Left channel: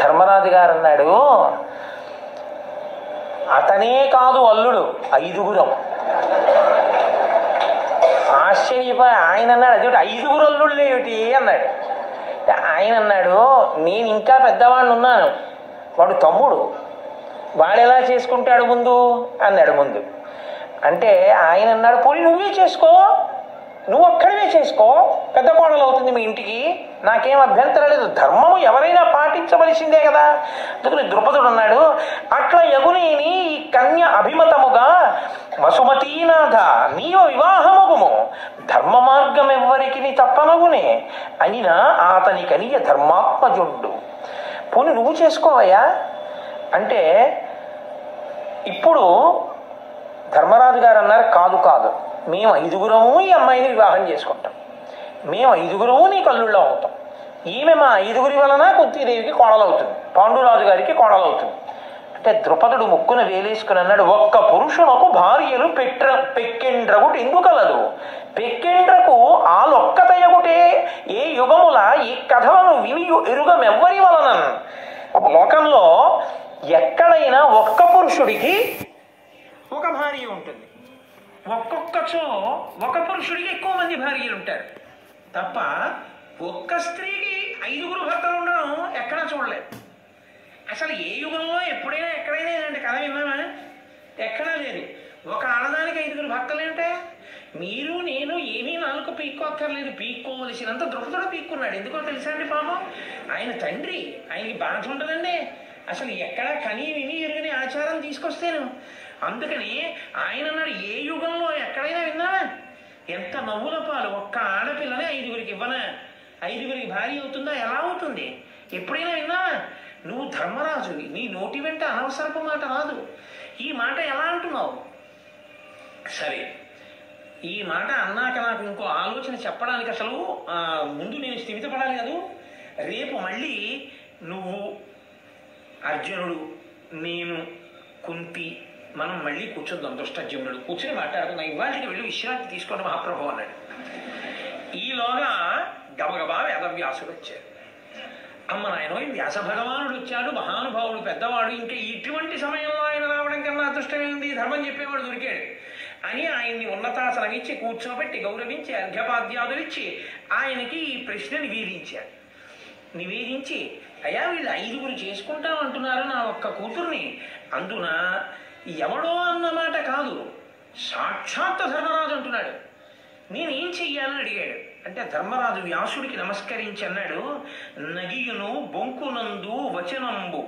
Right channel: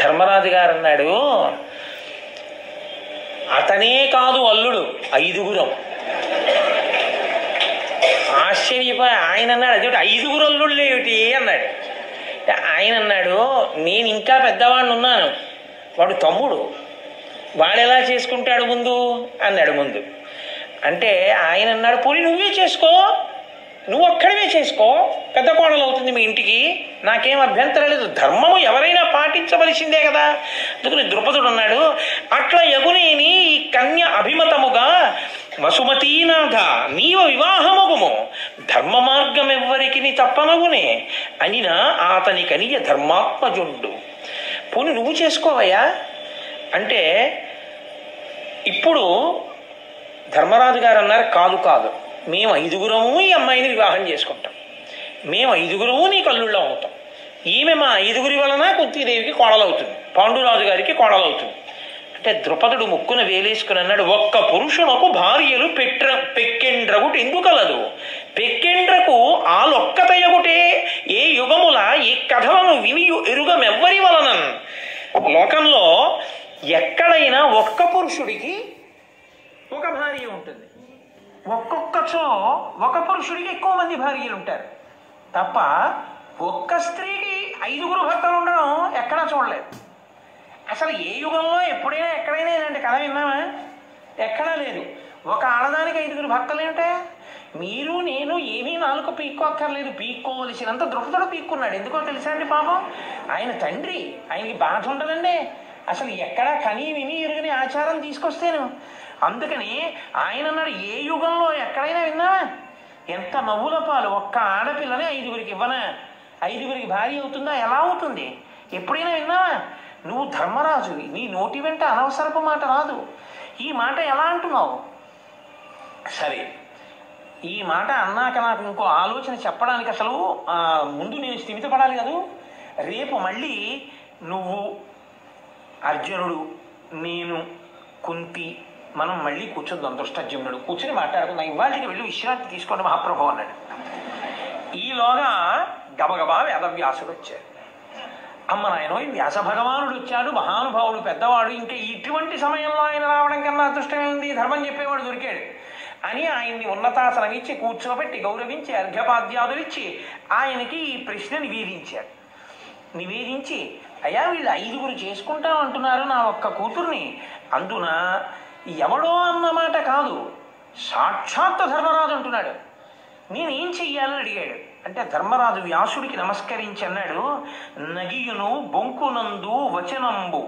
ధర్మరాజు గారు అన్నాడు, అతనే కాదు అల్లుడు, 5గురం. ఆశ్చర్యపోయి ఆయన అన్నాడు, అదేమిటి 5గురు అల్లుళ్ళు ఏమిటి అన్నాడు. ఆయన అన్నాడు, నేను ఇంకా పెద్దవాడిని ఉన్నాను, వాడు తమ్ముడు, వాడు ఎలా చేసుకుంటాడు ముందు అన్నాడు. ముందు అంటే ఆయన అన్నాడు, పోనీ నువ్వే చేసుకో, నువ్వు ఒక్కడివే చేసుకో, పెద్ద కోడలు అవుతుంది మీ ఇంటికి, నాకేం అభ్యంతరం లేదు, ధర్మము ఎవరైనా పాటించవలసిందే కదా. అందుకని ద్రుపదుడు అన్నాడు, అట్లా యగునేని ఈ కన్య అభిమతముగా వసుమతీనాథ నీవ వివాహమగుము, ధర్మ మార్గం ఎవ్వరికి తప్పనగునే అనినా అతని కనియ ధర్మాత్మజుండు. పోనీ నువ్వు చేసుకోవయ్యా అంటే, ఇప్పుడు ధర్మరాజు గారు అన్నారు, కాదు కాదు, మేము 5గురము ఈ అమ్మాయిని వివాహం చేసుకుంటాం, మేము 5గురము నీ కల్లుళ్ళం అవుతాం, ఈమె మా 5గురి వలన కుంతీదేవికి కోడలవుతుంది, పాండురాజు గారికి కోడలవుతుంది అంటే ద్రుపదుడు ముక్కున వేలేసుకుని అన్నాడు, ఒక్క పురుషునకు భార్యలు పెక్కెండ్రగుట ఎందుకలదు, పెక్కెండ్రకు ఆలొక్కతయగుటే ఏ యుగముల ఈ కథలను విని ఎరుగమెవ్వరి వలన. లోకంలో ఎక్కడైనా ఒక్క పురుషుడికి ఒక భార్య ఉంటుంది, ఒక్కొక్కచో ఒక పురుషుడికి ఎక్కువ మంది భార్యలు ఉంటారు తప్ప ఒక్క స్త్రీకి 5గురు భర్తలు ఉండడం ఎక్కడా చూడలేదు. అసలు ఏ యుగంలో ఎప్పుడైనా ఎక్కడైనా ఇలాంటి కథ విన్నామా? ఎక్కడా లేదు. ఒక ఆడదానికి 5గురు భర్తలు ఏంటే, మీరు నేను ఏమీ నాలుగు పీక్కోక్కర్లేదు, పీక్కోవలసినంత ద్రుపదుడు పీక్కున్నాడు. ఎందుకో తెలుసా అండి, పాపం ఆయన తండ్రి, ఆయనకి బాధ ఉంటుందండి, అసలు ఎక్కడా కని విని ఎరుగని ఆచారం తీసుకొస్తేను. అందుకని ఆయన అన్నాడు, ఏ యుగంలో ఎక్కడైనా విన్నావా? ఎంత నవ్వుల పాలు, ఒక్క ఆడపిల్లని 5గురికి ఇవ్వనా, 5గురికి భార్య అవుతుందా? ఎలా అవుతుంది? ఎప్పుడైనా విన్నావా? నువ్వు ధర్మరాజువి, నీ నోటి వెంట అనవసరపు మాట రాదు. ఈ మాట ఎలా అంటున్నావు? సరే, ఈ మాట అన్నాక నాకు ఇంకో ఆలోచన చెప్పడానికి అసలు ముందు నేను స్థిమితపడాలి కదా. రేపు మళ్ళీ నువ్వు, అర్జునుడు, నేను, కుంతి మనం మళ్ళీ కూర్చుందాం. దుష్టజుమ్నుడు కూర్చుని మాట్లాడుకుందాం. ఇవాళకి వెళ్ళి విశ్రాంతి తీసుకోండి మహాప్రభు అన్నాడు. ఈలోగా గబగబా వేదవ్యాసుడు వచ్చారు. అమ్మ నాయనో, వ్యాస భగవానుడు వచ్చాడు, మహానుభావుడు, పెద్దవాడు, ఇంకా ఇటువంటి సమయంలో ఆయన రావడం కన్నా అదృష్టమేంది, ధర్మం చెప్పేవాడు దొరికాడు అని ఆయన్ని ఉన్నతాసనం ఇచ్చి కూర్చోబెట్టి గౌరవించి అర్ఘ్యపాద్యాదులు ఇచ్చి ఆయనకి ఈ ప్రశ్న నివేదించారు. నివేదించి, అయ్యా వీళ్ళు 5గురు చేసుకుంటామంటున్నారు నా ఒక్క కూతుర్ని, అందున ఎవడో అన్నమాట కాదు, సాక్షాత్ ధర్మరాజు అంటున్నాడు, నేనేం చెయ్యాలని అడిగాడు. అంటే ధర్మరాజు వ్యాసుడికి నమస్కరించి అన్నాడు, నగియును బొంకునందు వచనంబు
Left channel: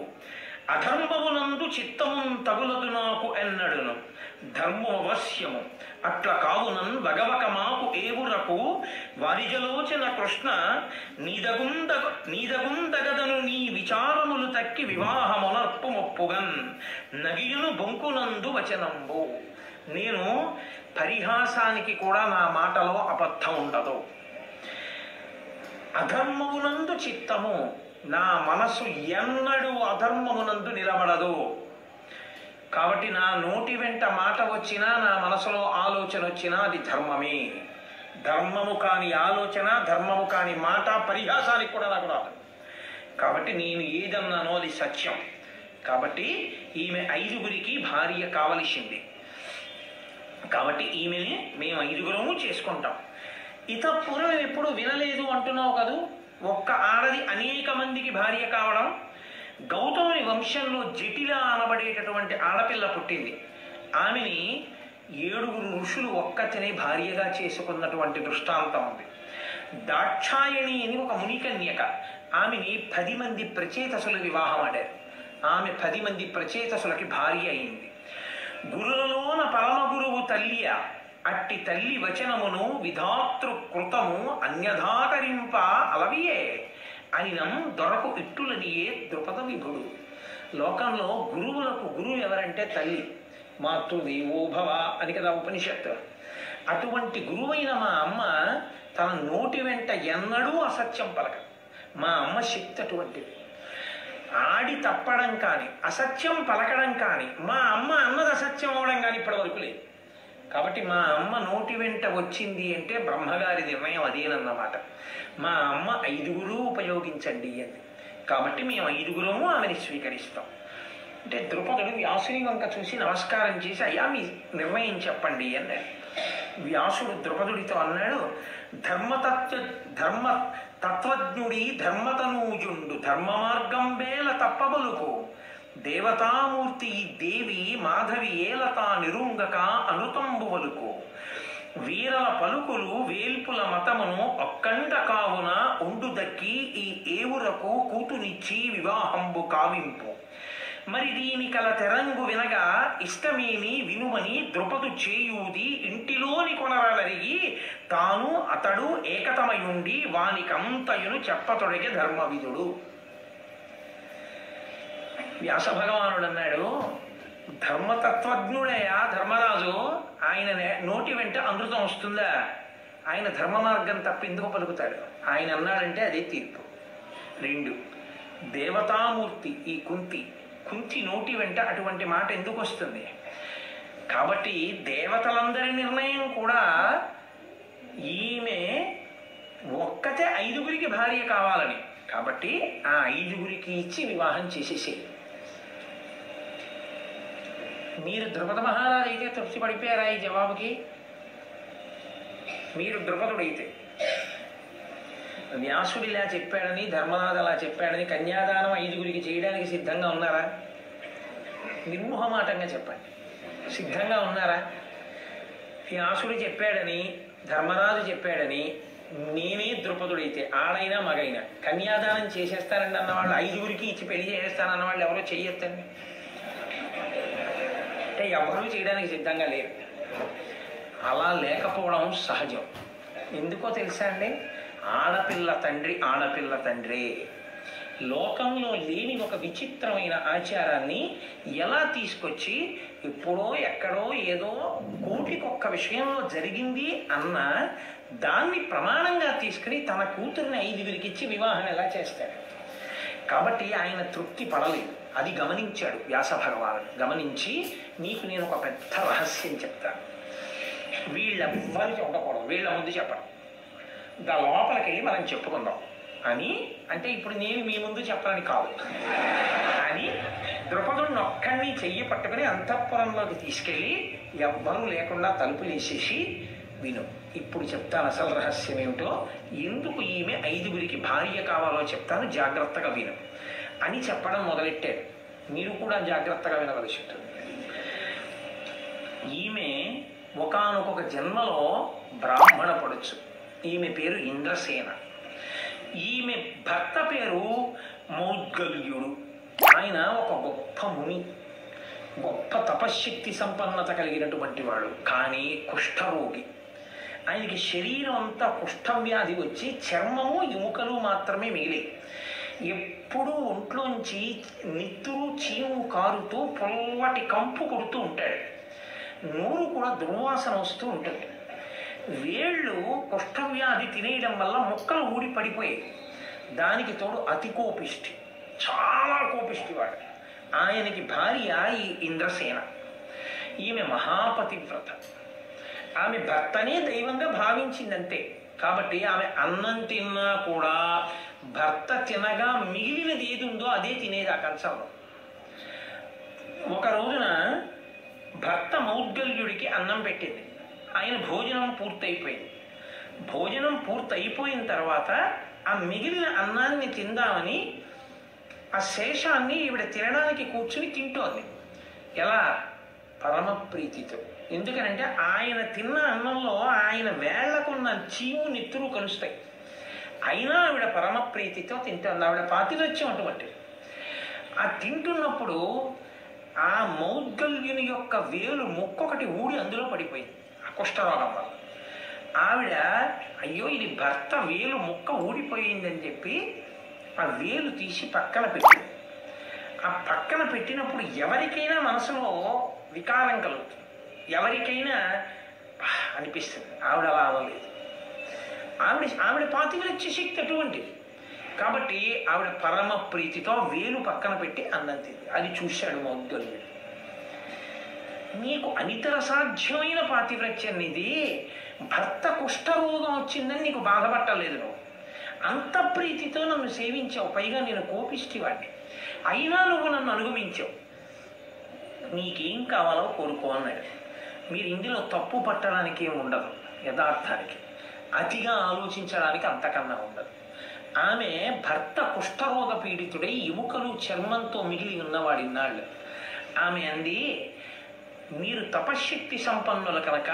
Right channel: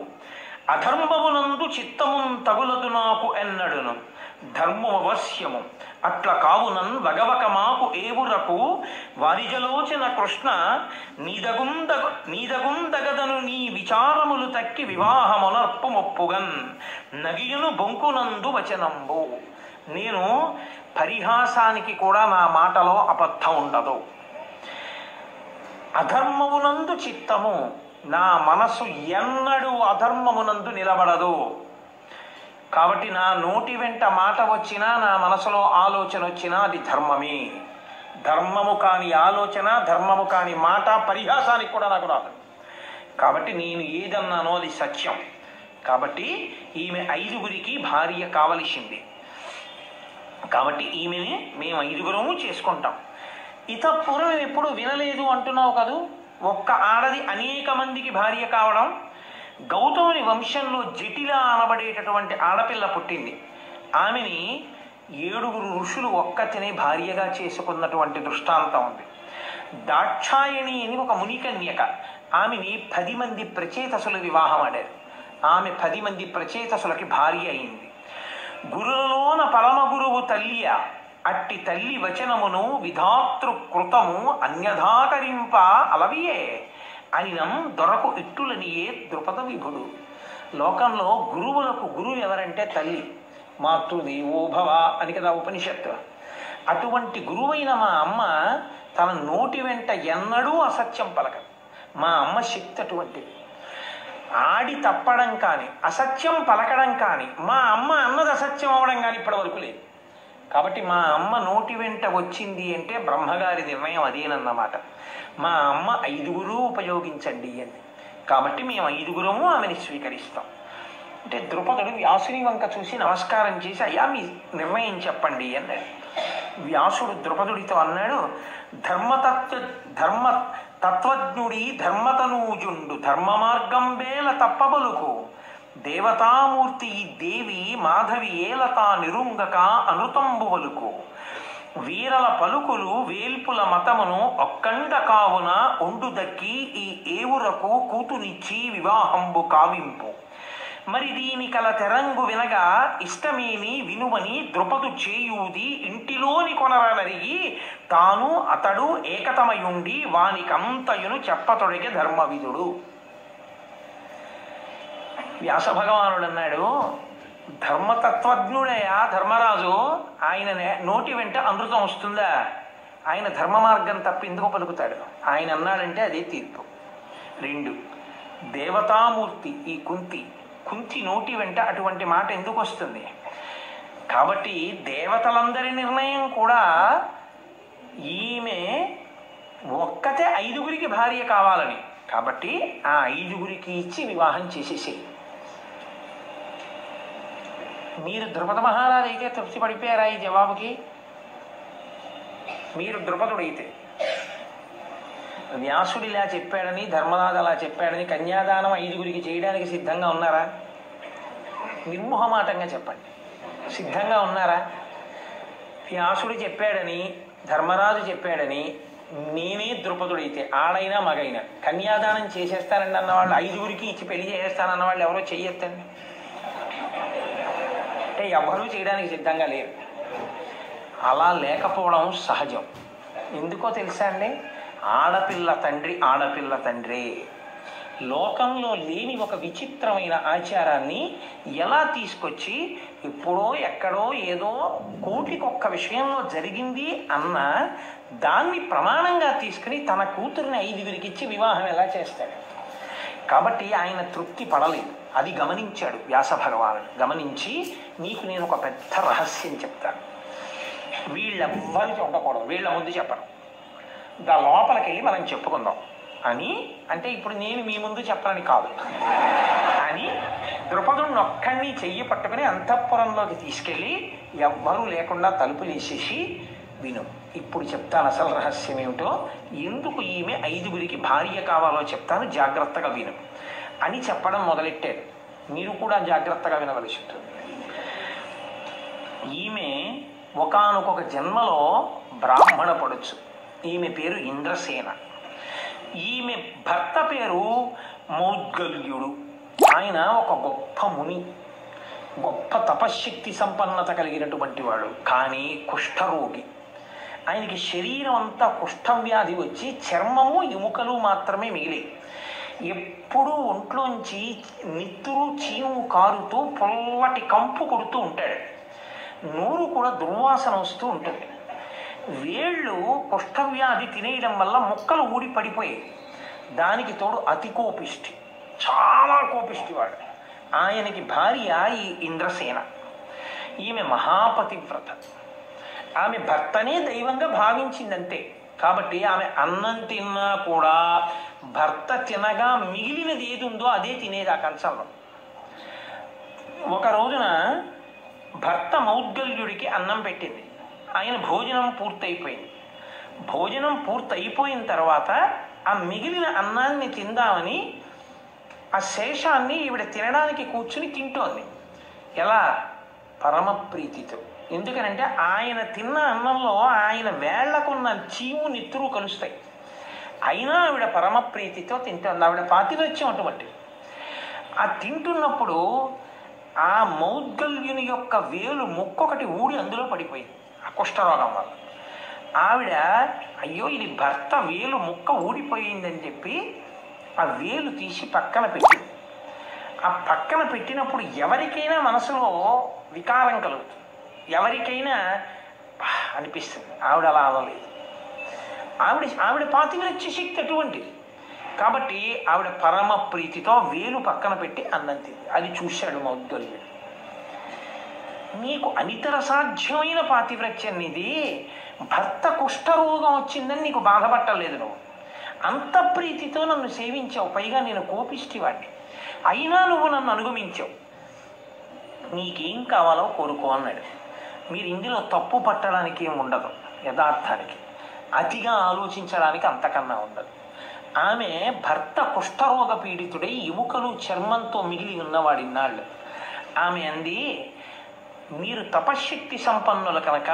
అధర్మమునందు చిత్తమున్ తగులదు నాకు ఎన్నడును, ధర్మవశ్యము అట్ల కావునన్ వగవక మాకు ఏవురకు వారిజలోచన కృష్ణ నీదగుందగదను నీ విచారములు తక్కి వివాహమునర్పు మొప్పుగన్, నగియును బొంకునందు వచనంబు. నేను పరిహాసానికి కూడా నా మాటలో అబద్ధం ఉండదు, అధర్మమునందు చిత్తము, నా మనసు ఎన్నడూ అధర్మమునందు నిలబడదు. కాబట్టి నా నోటి వెంట మాట వచ్చినా, నా మనసులో ఆలోచన వచ్చినా అది ధర్మమే. ధర్మము కాని ఆలోచన, ధర్మము కాని మాట పరిహాసానికి కూడా నాకు రాదు. కాబట్టి నేను ఏదన్నానో అది సత్యం. కాబట్టి ఈమె 5గురికి భార్య కావలసింది. కాబట్టి ఈమెని మేము 5గురము చేసుకుంటాం. పూర్వం ఎప్పుడు వినలేదు అంటున్నావు కదూ, ఒక్క ఆడది అనేక మందికి భార్య కావడం. గౌతముని వంశంలో జటిల అనబడేటటువంటి ఆడపిల్ల పుట్టింది. ఆమెని 7గురు ఋషులు ఒక్కతినే భార్యగా చేసుకున్నటువంటి దృష్టాంతం ఉంది. దాక్షాయణి అని ఒక మునికన్యక, ఆమెని 10 మంది ప్రచేతసులు వివాహం ఆడారు. ఆమె 10 మంది ప్రచేతసులకి భార్య అయింది. గురులోన పరమ గురువు తల్లియ, అట్టి తల్లి వచనమును విధాతృకృతము అన్యథాకరింప అలవియే అనినం దొరకు ఇట్టులనియే ద్రుపద విభుడు. లోకంలో గురువులకు గురువు ఎవరంటే తల్లి, మాతృదేవో భవ అని కదా ఉపనిషత్తు. అటువంటి గురువైన మా అమ్మ తన నోటి వెంట ఎన్నడూ అసత్యం పలకదు. మా అమ్మ శక్తి అటువంటిది. ఆడి తప్పడం కానీ, అసత్యం పలకడం కానీ, మా అమ్మ అన్నది అసత్యం అవడం కానీ ఇప్పటి వరకు లేదు. కాబట్టి మా అమ్మ నోటి వెంట వచ్చింది అంటే బ్రహ్మగారి నిర్ణయం అదేనన్నమాట. మా అమ్మ 5గురు ఉపయోగించండి అండి. కాబట్టి మేము 5గురము ఆమెని స్వీకరిస్తాం అంటే ద్రుపదుడు వ్యాసుని వంక చూసి నమస్కారం చేసి అయ్యా మీ నిర్ణయం చెప్పండి అన్నాడు. వ్యాసుడు ద్రుపదుడితో అన్నాడు, ధర్మ తత్వజ్ఞుడి ధర్మతనూజుండు ధర్మ మార్గం వేల తప్పబలుకు దేవతామూర్తి ఈ దేవి మాధవి ఏలతా నిరుంగక అనుతంబువలుకు వీరల పలుకులు వేల్పుల మతమును ఒక్కండ కావున ఒండు దక్కి ఈ ఏవురకు కూతునిచ్చి వివాహంబు కావింపు మరి దీని కల తెరంగు వినగా ఇష్టమేమి వినుమని ద్రుపదు చేయూది ఇంటిలోని కొనరలరిగి తాను అతడు ఏకతమయుండి వానికంతయును చెప్పతొడిగే ధర్మవిధుడు. వ్యాస భగవానుడు అన్నాడు, ధర్మతత్వజ్ఞుడయా ధర్మరాజు, ఆయన నోటి వెంట అమృతం వస్తుందా? ఆయన ధర్మ మార్గం తప్ప ఎందుకు పలుకుతాడు? ఆయన అన్నాడంటే అదే తీర్పు. 2 దేవతామూర్తి ఈ కుంతి నోటి వెంట అటువంటి మాట ఎందుకు వస్తుంది? కాబట్టి దేవతలందరి నిర్ణయం కూడా ఈమె ఒక్కతే 5గురికి భార్య కావాలని, కాబట్టి ఆ 5గురికి ఇచ్చి వివాహం చేసేసేయి. మీరు ద్రుపద మహారాజు అయితే తృప్తి పడిపోయారా ఈ జవాబుకి? మీరు ద్రుపదుడైతే వ్యాసుడు ఇలా చెప్పాడని ధర్మరాజు అలా చెప్పాడని కన్యాదానం 5గురికి చేయడానికి సిద్ధంగా ఉన్నారా? నిర్మోహమాటంగా చెప్పండి, సిద్ధంగా ఉన్నారా? వ్యాసుడు చెప్పాడని ధర్మరాజు చెప్పాడని నేనే ద్రుపదుడైతే ఆడైనా మగైనా కన్యాదానం చేసేస్తానండి అన్నవాళ్ళు 5గురికి ఇచ్చి పెళ్లి చేసేస్తానన్న వాళ్ళు ఎవరో చెయ్యొద్దండి. అంటే ఎవరూ చేయడానికి సిద్ధంగా లేరు. అలా లేకపోవడం సహజం. ఎందుకో తెలుసా అండి? ఆడపిల్ల తండ్రే లోకంలో లేని ఒక విచిత్రమైన ఆచారాన్ని ఎలా తీసుకొచ్చి ఎప్పుడో ఎక్కడో ఏదో కోటికొక్క విషయంలో జరిగింది అన్న దాన్ని ప్రమాణంగా తీసుకుని తన కూతురిని 5గురికి ఇచ్చి వివాహం ఎలా చేస్తాడు? కాబట్టి ఆయన తృప్తి పడలేదు. అది గమనించాడు వ్యాస భగవానుడు. గమనించి నీకు నేను ఒక పెద్ద రహస్యం చెప్తాను, వీళ్ళెవ్వరికి ఉండకూడదు, వీళ్ళ ముందు చెప్పను, దా లోపలికి వెళ్ళి మనం చెప్పుకుందాం అని. అంటే ఇప్పుడు నేను మీ ముందు చెప్పనని కాదు అని ద్రుపదుడిని ఒక్కడిని చెయ్యి పట్టుకుని అంతఃపురంలోకి తీసుకెళ్ళి ఎవ్వరూ లేకుండా తలుపులు వేసేసి, విను ఇప్పుడు చెప్తాను అసలు రహస్యం ఏమిటో, ఎందుకు ఈమె 5గురికి భార్య కావాలో చెప్తాను, జాగ్రత్తగా విను అని చెప్పడం మొదలెట్టాడు. మీరు కూడా జాగ్రత్తగా వినవలసి ఉంటుంది. ఈమె ఒకానొక జన్మలో బ్రాహ్మణ పడొచ్చు. ఈమె పేరు ఇంద్రసేన. ఈమె భర్త పేరు మౌద్గల్యుడు. ఆయన ఒక గొప్ప ముని, గొప్ప తపశ్శక్తి సంపన్నత కలిగినటువంటి వాడు, కానీ కుష్ఠరోగి. ఆయనకి శరీరం అంతా కుష్ఠవ్యాధి వచ్చి చర్మము ఎముకలు మాత్రమే మిగిలి ఎప్పుడూ ఒంట్లోంచి నిత్తురు చీము కారుతూ పొల్లటి కంపు కొడుతూ ఉంటాడు. నోరు కూడా దుర్వాసన వస్తూ ఉంటుంది. వేళ్ళు కుష్ఠవ్యాధి తినేయడం వల్ల ముక్కలు ఊడి పడిపోయాయి. దానికి తోడు అతి కోపిష్టి, చాలా కోపిష్టివాడు. ఆయనకి భార్య ఈ ఇంద్రసేన. ఈమె మహాపతివ్రత. ఆమె భర్తనే దైవంగా భావించిందంతే. కాబట్టి ఆమె అన్నం తిన్నా కూడా భర్త తినగా మిగిలినది ఏది ఉందో అదే తినేది ఆ కంచంలో. ఒక రోజున భర్త మౌద్గల్యుడికి అన్నం పెట్టింది. ఆయన భోజనం పూర్తయిపోయింది. భోజనం పూర్తయిపోయిన తర్వాత ఆ మిగిలిన అన్నాన్ని తిందామని ఆ శేషాన్ని ఈవిడ తినడానికి కూర్చుని తింటోంది. ఎలా? పరమ ప్రీతితో. ఎందుకనంటే ఆయన తిన్న అన్నంలో ఆయన వేళ్లకున్న చీము నిత్తురు కలుస్తాయి. అయినా ఆవిడ పరమ ప్రీతితో తింటోంది. ఆవిడ పాతివత్యం అటువంటి. ఆ తింటున్నప్పుడు ఆ మౌద్గల్యుని యొక్క వేలు ముక్కొకటి ఊడి అందులో పడిపోయింది ఆ కుష్ఠరోగం వల్ల. ఆవిడ అయ్యో ఇది భర్త వేలు ముక్క ఊడిపోయిందని చెప్పి ఆ వేలు తీసి పక్కన పెట్టింది. ఆ పక్కన పెట్టినప్పుడు ఎవరికైనా మనసులో వికారం కలుగుతుంది, ఎవరికైనా అనిపిస్తుంది. ఆవిడ అలా అనలేదు. ఆవిడ పాతివ్రత్య శక్తి అటువంటిది. కాబట్టి ఆవిడ పరమ ప్రీతితో వేలు పక్కన పెట్టి అన్నం తింది. అది చూశాడు మౌద్గల్యుడు. నీకు అనితర సాధ్యమైన పాతివ్రత్యం ఇది. భర్త కుష్ఠరోగం వచ్చిందని నీకు బాధపట్టలేదు నువ్వు. అంత ప్రీతితో నన్ను సేవించావు, పైగా నేను కోపిష్టివాడిని, అయినా నువ్వు నన్ను అనుగమించావు, నీకేం కావాలో కోరుకో అన్నాడు. మీరు ఇందులో తప్పు పట్టడానికి ఏం ఉండదు, యథార్థానికి అతిగా ఆలోచించడానికి అంతకన్నా ఉండదు. ఆమె భర్త కుష్ఠరోగ పీడితుడై ఎముకలు చర్మంతో మిగిలి ఉన్నవాడిన్నాళ్ళు. ఆమె అంది, మీరు తపశ్శక్తి సంపన్నుల కనుక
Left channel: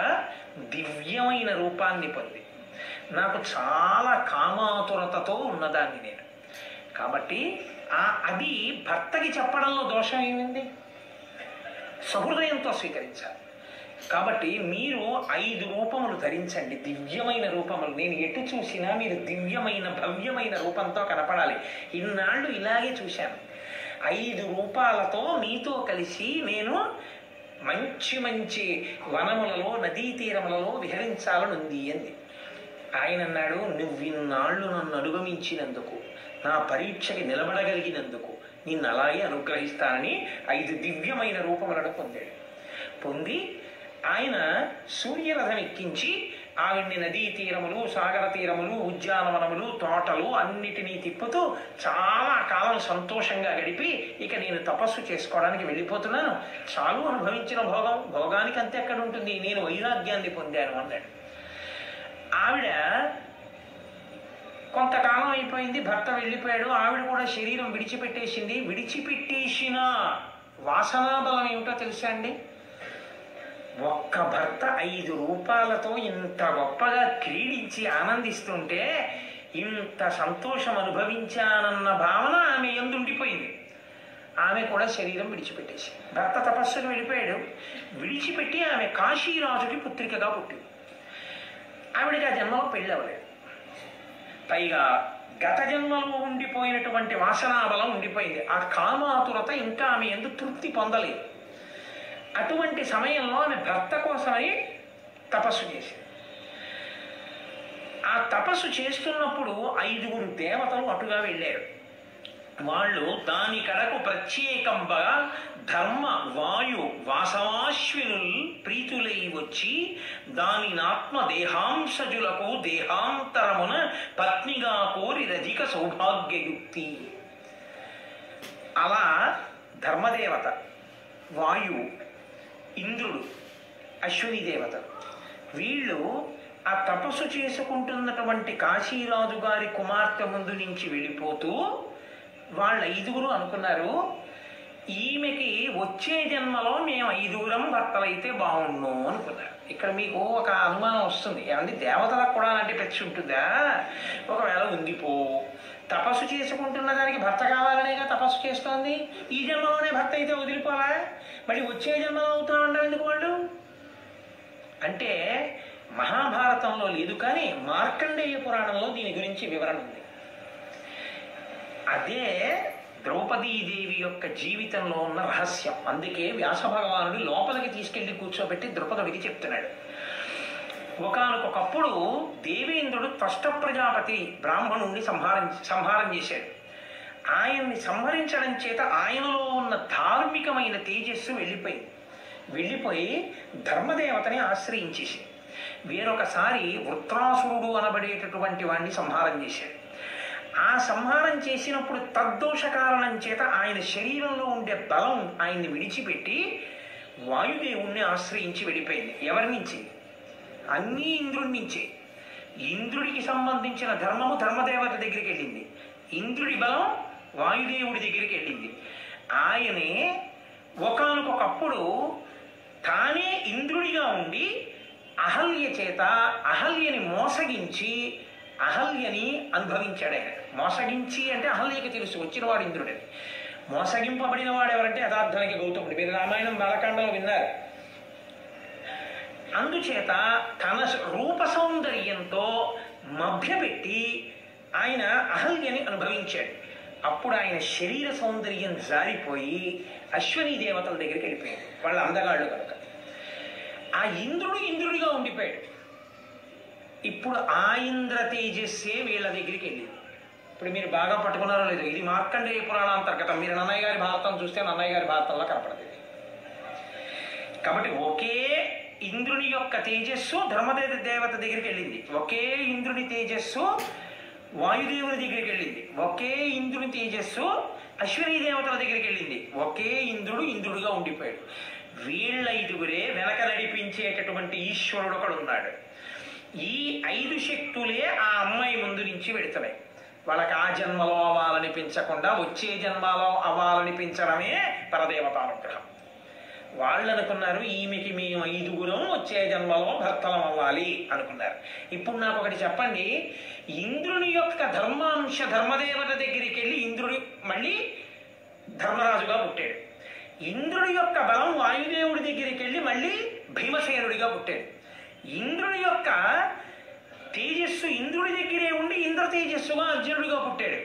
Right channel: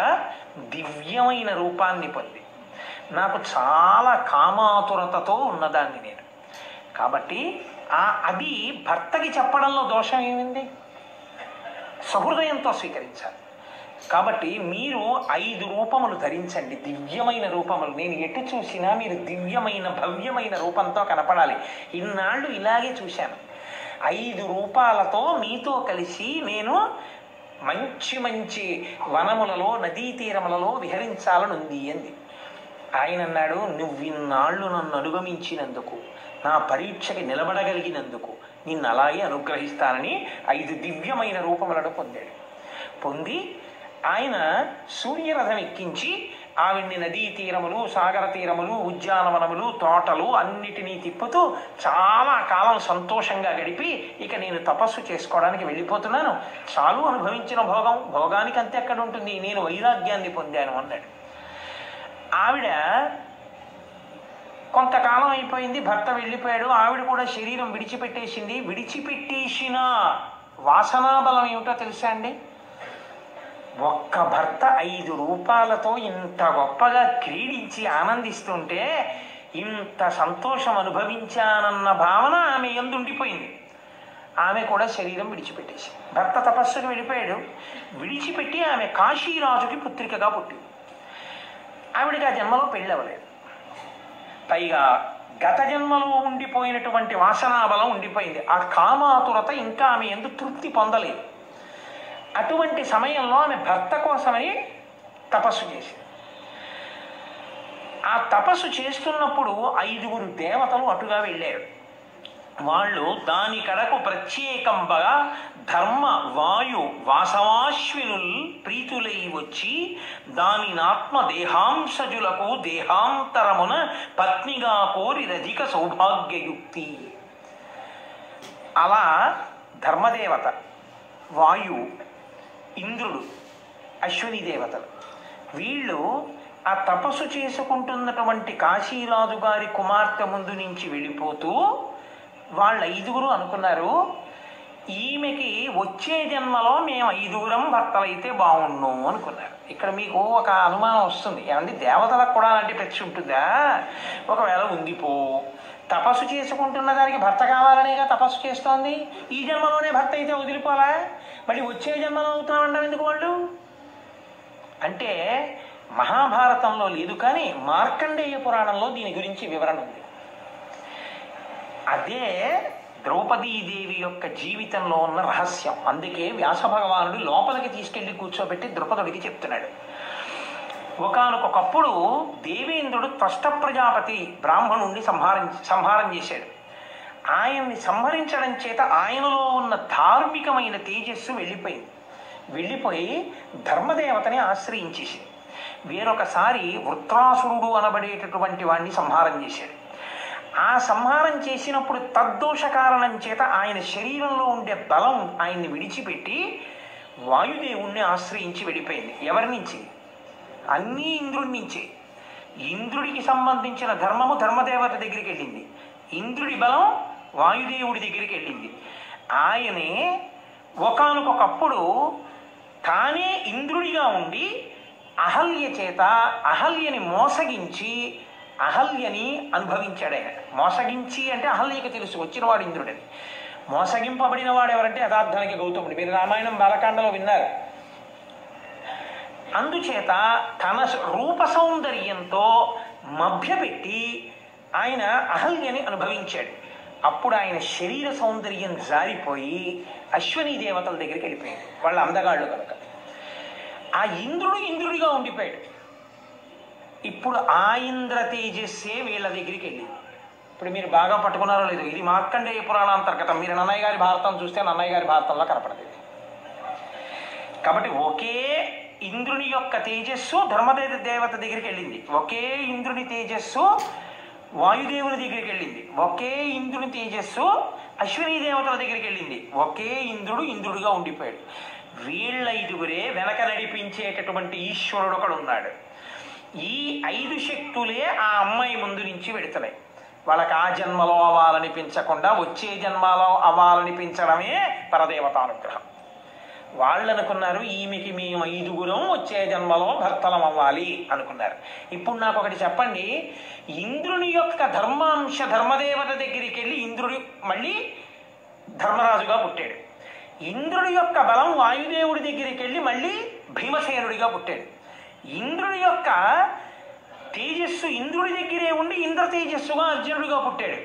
దివ్యమైన రూపాన్ని పొంది నాకు చాలా కామాతురతతో ఉన్నదాన్ని నేను, కాబట్టి అది భర్తకి చెప్పడంలో దోషం ఏమింది? సహృదయంతో స్వీకరించాలి. కాబట్టి మీరు 5 రూపములు ధరించండి, దివ్యమైన రూపములు. నేను ఎటు చూసినా మీరు దివ్యమైన భవ్యమైన రూపంతో కనపడాలి. ఇన్నాళ్ళు ఇలాగే చూశాను. 5 రూపాలతో మీతో కలిసి నేను మంచి మంచి వనములలో నదీ తీరములలో విహరించాలనుంది అంది. ఆయన అన్నాడు, నువ్విన్నాళ్ళు నన్ను అనుగమించినందుకు, నా పరీక్షకి నిలబడగలిగినందుకు నిన్ను అలాగే అనుగ్రహిస్తానని 5 దివ్యమైన రూపములను పొందాడు. పొంది ఆయన సూర్యరథం ఎక్కించి ఆవిడ్ని నదీ తీరములు, సాగర తీరములు, ఉద్యానవనములు, తోటలు అన్నిటినీ తిప్పుతూ చాలా కాలం సంతోషంగా గడిపి, ఇక నేను తపస్సు చేసుకోవడానికి వెళ్ళిపోతున్నాను, చాలు అనుభవించిన భోగానికి అంతే ఎక్కడ ఉంటుంది, నేను వైరాగ్యాన్ని పొందాను అన్నాడు. ఆవిడ కొంతకాలం అయిపోయింది, భర్త వెళ్ళిపోయాడు, ఆవిడ కూడా శరీరం విడిచిపెట్టేసింది. విడిచిపెట్టేసిన వాసనాబలం ఏమిటో తెలుసా అండి? ఒక్క భర్త 5 రూపాలతో ఇంత గొప్పగా క్రీడించి ఆనందిస్తుంటే ఇంత సంతోషం అనుభవించానన్న భావన ఆమె యందు ఉండిపోయింది. ఆమె కూడా శరీరం విడిచిపెట్టేసి, భర్త తపస్సుకు వెళ్ళిపోయాడు, విడిచిపెట్టి ఆమె కాశీరాజుకి పుత్రికగా పుట్టింది. ఆవిడికి ఆ జన్మలో పెళ్ళి అవ్వలేదు, పైగా గత జన్మలో ఉండిపోయినటువంటి వాసనాబలం ఉండిపోయింది. ఆ కామాతురత ఇంకా ఆమె యందు తృప్తి పొందలేదు. అటువంటి సమయంలో ఆమె భర్త కోసమని తపస్సు చేసింది. ఆ తపస్సు చేస్తున్నప్పుడు 5 దేవతలు అటుగా వెళ్ళారు. వాళ్ళు దాని కడకు ప్రత్యేకంగా ధర్మ వాయు వాసవాశ్వినుల్ ప్రీతులై వచ్చి దానినాత్మ దేహాంశజులకు దేహాంతరమున పత్నిగా కోరి రధిక సౌభాగ్యయుక్తి. అలా ధర్మదేవత, వాయు, ఇంద్రుడు, అశ్విని దేవతలు వీళ్ళు ఆ తపస్సు చేసుకుంటున్నటువంటి కాశీరాజు గారి కుమార్తె ముందు నుంచి వెళ్ళిపోతూ వాళ్ళు 5 అనుకున్నారు, ఈమెకి వచ్చే జన్మలో మేము 5 భర్తలైతే బాగుండు అనుకున్నారు. ఇక్కడ మీకు ఒక అనుమానం వస్తుంది, ఏమంటే దేవతలకు కూడా అలాంటి ప్రతి ఉంటుందా? ఒకవేళ ఉందిపో, తపస్సు చేసుకుంటున్న దానికి భర్త కావాలనేగా తపస్సు చేస్తోంది, ఈ జన్మలోనే భర్త అయితే వదిలిపోలా, మళ్ళీ వచ్చే జన్మలో అవుతామంటారు ఎందుకు వాళ్ళు? అంటే మహాభారతంలో లేదు, కానీ మార్కండేయ పురాణంలో దీని గురించి వివరణ ఉంది. అదే ద్రౌపదీదేవి యొక్క జీవితంలో ఉన్న రహస్యం. అందుకే వ్యాస భగవానుడు లోపలికి తీసుకెళ్లి కూర్చోబెట్టి ద్రుపదుడికి చెప్తున్నాడు. ఒకానొకప్పుడు దేవేంద్రుడు త్వష్ట ప్రజాపతి బ్రాహ్మణుణ్ణి సంహారం చేశాడు. ఆయన్ని సంహరించడం చేత ఆయనలో ఉన్న ధార్మికమైన తేజస్సు వెళ్ళిపోయి ధర్మదేవతని ఆశ్రయించేసి వేరొకసారి వృత్రాసురుడు అనబడేటటువంటి వాణ్ణి సంహారం చేశాడు. ఆ సంహారం చేసినప్పుడు తద్దోష కారణం చేత ఆయన శరీరంలో ఉండే బలం ఆయన్ని విడిచిపెట్టి వాయుదేవుణ్ణి ఆశ్రయించి వెళ్ళిపోయింది. ఎవరి నుంచి? అన్నీ ఇంద్రుడి నుంచే. ఇంద్రుడికి సంబంధించిన ధర్మము ధర్మదేవత దగ్గరికి వెళ్ళింది, ఇంద్రుడి బలం వాయుదేవుడి దగ్గరికి వెళ్ళింది. ఆయనే ఒకానొకప్పుడు తానే ఇంద్రుడిగా ఉండి అహల్య చేత అహల్యని మోసగించి అహల్యని అనుభవించాడు. ఆయన మోసగించి అంటే అహల్యకి తెలుసు వచ్చినవాడు ఇంద్రుడని. మోసగింపబడిన వాడు ఎవరంటే యథార్థానికి గౌతముడు. మీరు రామాయణం బాలకాండలో విన్నారు. అందుచేత తన రూప సౌందర్యంతో మభ్యపెట్టి ఆయన అహల్యని అనుభవించాడు. అప్పుడు ఆయన శరీర సౌందర్యం జారిపోయి అశ్విని దేవతల దగ్గరికి వెళ్ళిపోయాడు, వాళ్ళ అందగాళ్ళు కనుక. ఆ ఇంద్రుడిగా ఉండిపోయాడు. ఇప్పుడు ఆ ఇంద్ర తేజస్సే వీళ్ళ దగ్గరికి వెళ్ళింది. ఇప్పుడు మీరు బాగా పట్టుకున్నారో లేదు, ఇది మార్కండేయ పురాణాంతర్గతం. మీరు నన్నయ్య గారి భారతం చూస్తే నన్నయ్య గారి భారతంలో కనపడదు. కాబట్టి ఒకే ఇంద్రుని యొక్క తేజస్సు ధర్మదేవత దగ్గరికి వెళ్ళింది, ఒకే ఇంద్రుని తేజస్సు వాయుదేవుని దగ్గరికి వెళ్ళింది. ఒకే ఇంద్రుని తేజస్సు అశ్వినీ దేవతల దగ్గరికి వెళ్ళింది. ఒకే ఇంద్రుడు ఇంద్రుడుగా ఉండిపోయాడు. వీళ్ళ ఐదుగురే వెనక నడిపించేటటువంటి ఈశ్వరుడు ఒకడు ఉన్నాడు. ఈ 5 శక్తులే ఆ అమ్మాయి ముందు నుంచి వెడుతున్నాయి. వాళ్ళకి ఆ జన్మలో అవ్వాలనిపించకుండా వచ్చే జన్మలో అవ్వాలనిపించడమే పరదేవతానుగ్రహం. వాళ్ళు అనుకున్నారు ఈమెకి మేము 5గురం వచ్చే జన్మలో భర్తలం అవ్వాలి అనుకున్నారు. ఇప్పుడు నాకు ఒకటి చెప్పండి, ఇంద్రుని యొక్క ధర్మాంశ ధర్మదేవత దగ్గరికి వెళ్ళి ఇంద్రుడు మళ్ళీ ధర్మరాజుగా పుట్టాడు. ఇంద్రుడి యొక్క బలం వాయుదేవుడి దగ్గరికి వెళ్ళి మళ్ళీ భీమసేనుడిగా పుట్టాడు. ఇంద్రుడి యొక్క తేజస్సు ఇంద్రుడి దగ్గరే ఉండి ఇంద్ర తేజస్సుగా అర్జునుడిగా పుట్టాడు.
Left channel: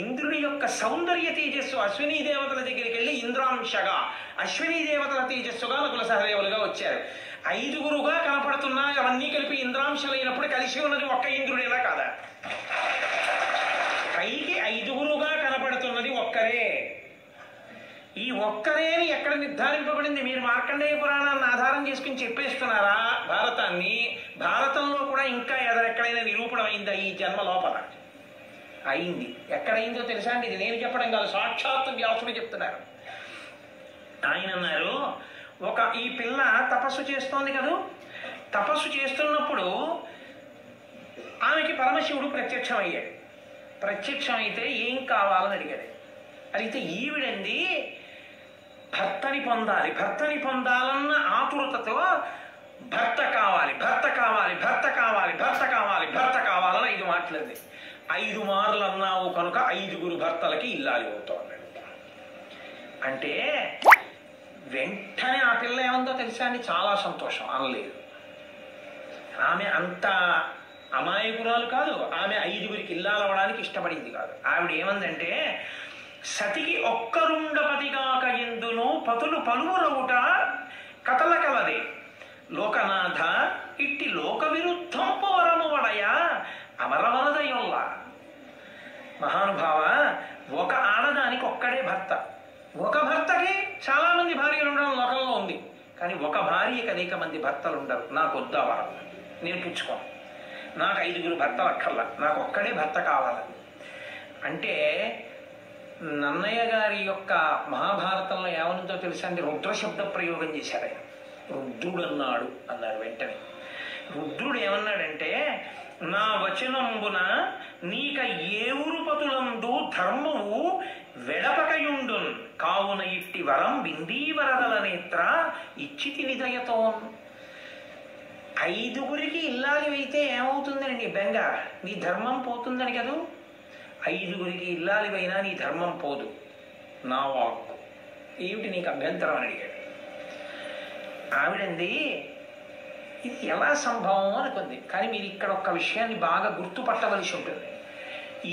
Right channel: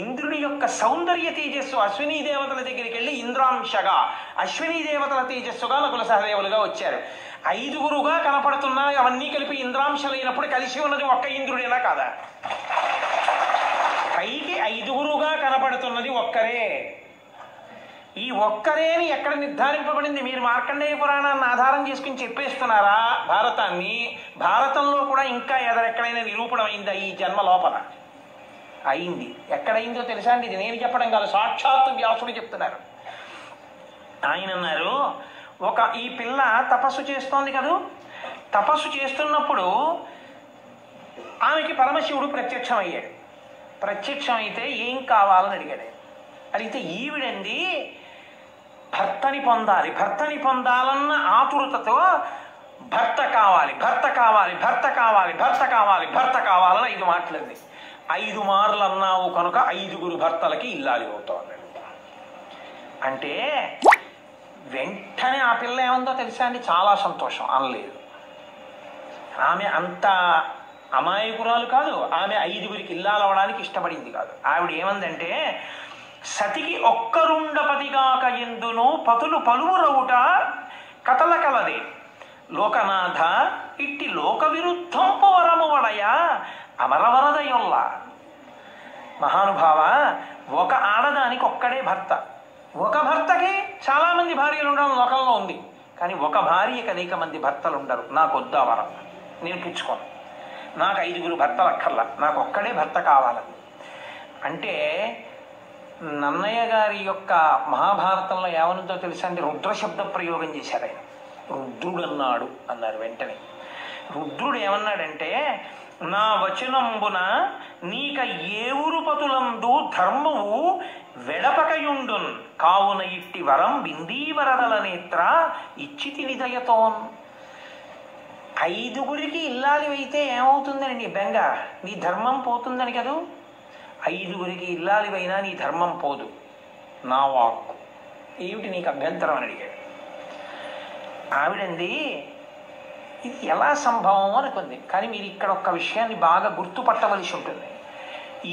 ఇంద్రుడి యొక్క సౌందర్య తేజస్సు అశ్వినీ దేవతల దగ్గరికి వెళ్ళి ఇంద్రాంశగా, అశ్వినీ దేవతల తేజస్సుగా నకుల సహదేవులుగా వచ్చారు. 5గురుగా కనపడుతున్నా అవన్నీ కలిపి ఇంద్రాంశలైనప్పుడు కలిసి ఉన్నది ఒక్క ఇంద్రుడేనా కాదా? పైకి 5గురుగా కనపడుతున్నది ఒక్కరే. ఈ ఒక్కరేని ఎక్కడ నిర్ధారింపబడింది? మీరు మార్కండేయ పురాణాన్ని ఆధారం చేసుకుని చెప్పేస్తున్నారా భారతాన్ని? భారతంలో కూడా ఇంకా ఎక్కడైనా నిరూపణం అయిందా ఈ జన్మ లోపల? అయింది. ఎక్కడైందో తెలుసా అండి? ఇది నేను చెప్పడం కాదు, సాక్షాత్తు వ్యాసుడు చెప్తున్నారు. ఆయన అన్నారు, ఈ పిల్ల తపస్సు చేస్తోంది కదూ, తపస్సు చేస్తున్నప్పుడు ఆమెకి పరమశివుడు ప్రత్యక్షం అయ్యాడు. ప్రత్యక్షం అయితే ఏం కావాలని అడిగాడు. అడిగితే ఈవిడండి భర్తని పొందాలి, భర్తని పొందాలన్న ఆతురతతో భర్త కావాలి, భర్త కావాలి, భర్త కావాలి, భర్త కావాలి, భర్త కావాలని 5 మాటలంది. 5 మార్లు అన్నావు కనుక 5గురు భర్తలకి ఇల్లాలి అవుతావు అన్నాడు. అంటే వెంటనే ఆ పిల్ల ఏముందో తెలుసా అండి? చాలా సంతోషం అనలేదు. ఆమె అంత అమాయకురాలు కాదు, ఆమె 5గురికి ఇల్లాలవడానికి ఇష్టపడింది కాదు. ఆవిడ ఏమందంటే, సతికి ఒక్కరుండపతిగాక ఎందును పతులు పలువురవుట కథల కలదే లోకనాథ ఇట్టి లోక విరుద్ధం పోరమువడయ అమరవరదయొల్ల. మహానుభావ, ఒక ఆడదానికి ఒక్కడే భర్త. ఒక భర్తకి చాలా మంది భార్యలు ఉండడం లోకంలో ఉంది. కానీ ఒక భార్యకి అనేక మంది భర్తలు ఉండరు. నాకు వద్దా వరం, నేను పుచ్చుకోను, నాకు 5గురు భర్తలు అక్కర్లా, నాకు ఒక్కడే భర్త కావాలని. అంటే నన్నయ్య గారి యొక్క మహాభారతంలో ఏమనుందో తెలుసా అండి? రుద్రశబ్ద ప్రయోగం చేశారు ఆయన. రుద్రుడు అన్నాడు అన్నారు వెంటనే. రుద్రుడు ఏమన్నాడంటే, నా వచనంబున నీక ఏవురు పతులందు ధర్మము వెడపకయుండున్ కావున ఇట్టి వరం బిందీవరదల నేత్ర ఇచ్చితి నిదయతోన్. 5గురికి ఇల్లాలి అయితే ఏమవుతుందని నీ బెంగ? నీ ధర్మం పోతుందని కదూ. 5గురికి ఇల్లాలివైనా నీ ధర్మం పోదు, నా వాక్కు. ఏమిటి నీకు అభ్యంతరం అని అడిగాడు. ఆవిడంది, ఇది ఎలా సంభవం అనుకుంది. కానీ మీరు ఇక్కడ ఒక్క విషయాన్ని బాగా గుర్తుపట్టవలసి ఉంటుంది.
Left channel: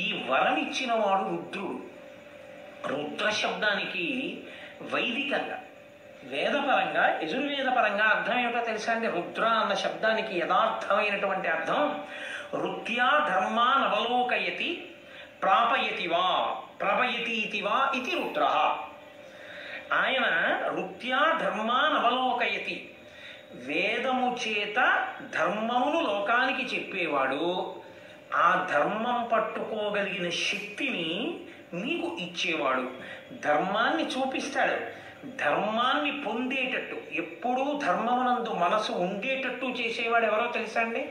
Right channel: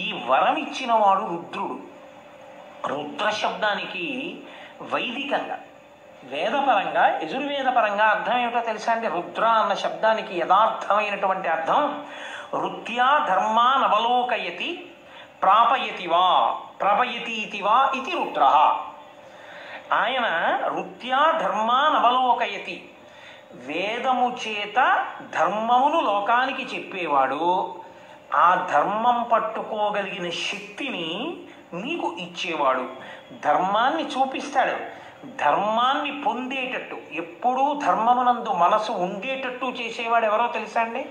ఈ వరం ఇచ్చిన వాడు రుద్రుడు. రుద్ర శబ్దానికి వైదికంగా వేదపరంగా యజుర్వేదపరంగా అర్థం ఏమిటో తెలుసా అండి? రుద్ర అన్న శబ్దానికి యథార్థమైనటువంటి అర్థం రుత్యా ధర్మానవలోకయతి ప్రాపయతివా ప్రపయతీతివా ఇది రుద్ర. ఆయన రుత్యా ధర్మానవలోకయతి, వేదము చేత ధర్మమును లోకానికి చెప్పేవాడు. ఆ ధర్మం పట్టుకోగలిగిన శక్తిని నీకు ఇచ్చేవాడు. ధర్మాన్ని చూపిస్తాడు. ధర్మాన్ని పొందేటట్టు, ఎప్పుడూ ధర్మమునందు మనసు ఉండేటట్టు చేసేవాడు ఎవరో తెలుసా అండి?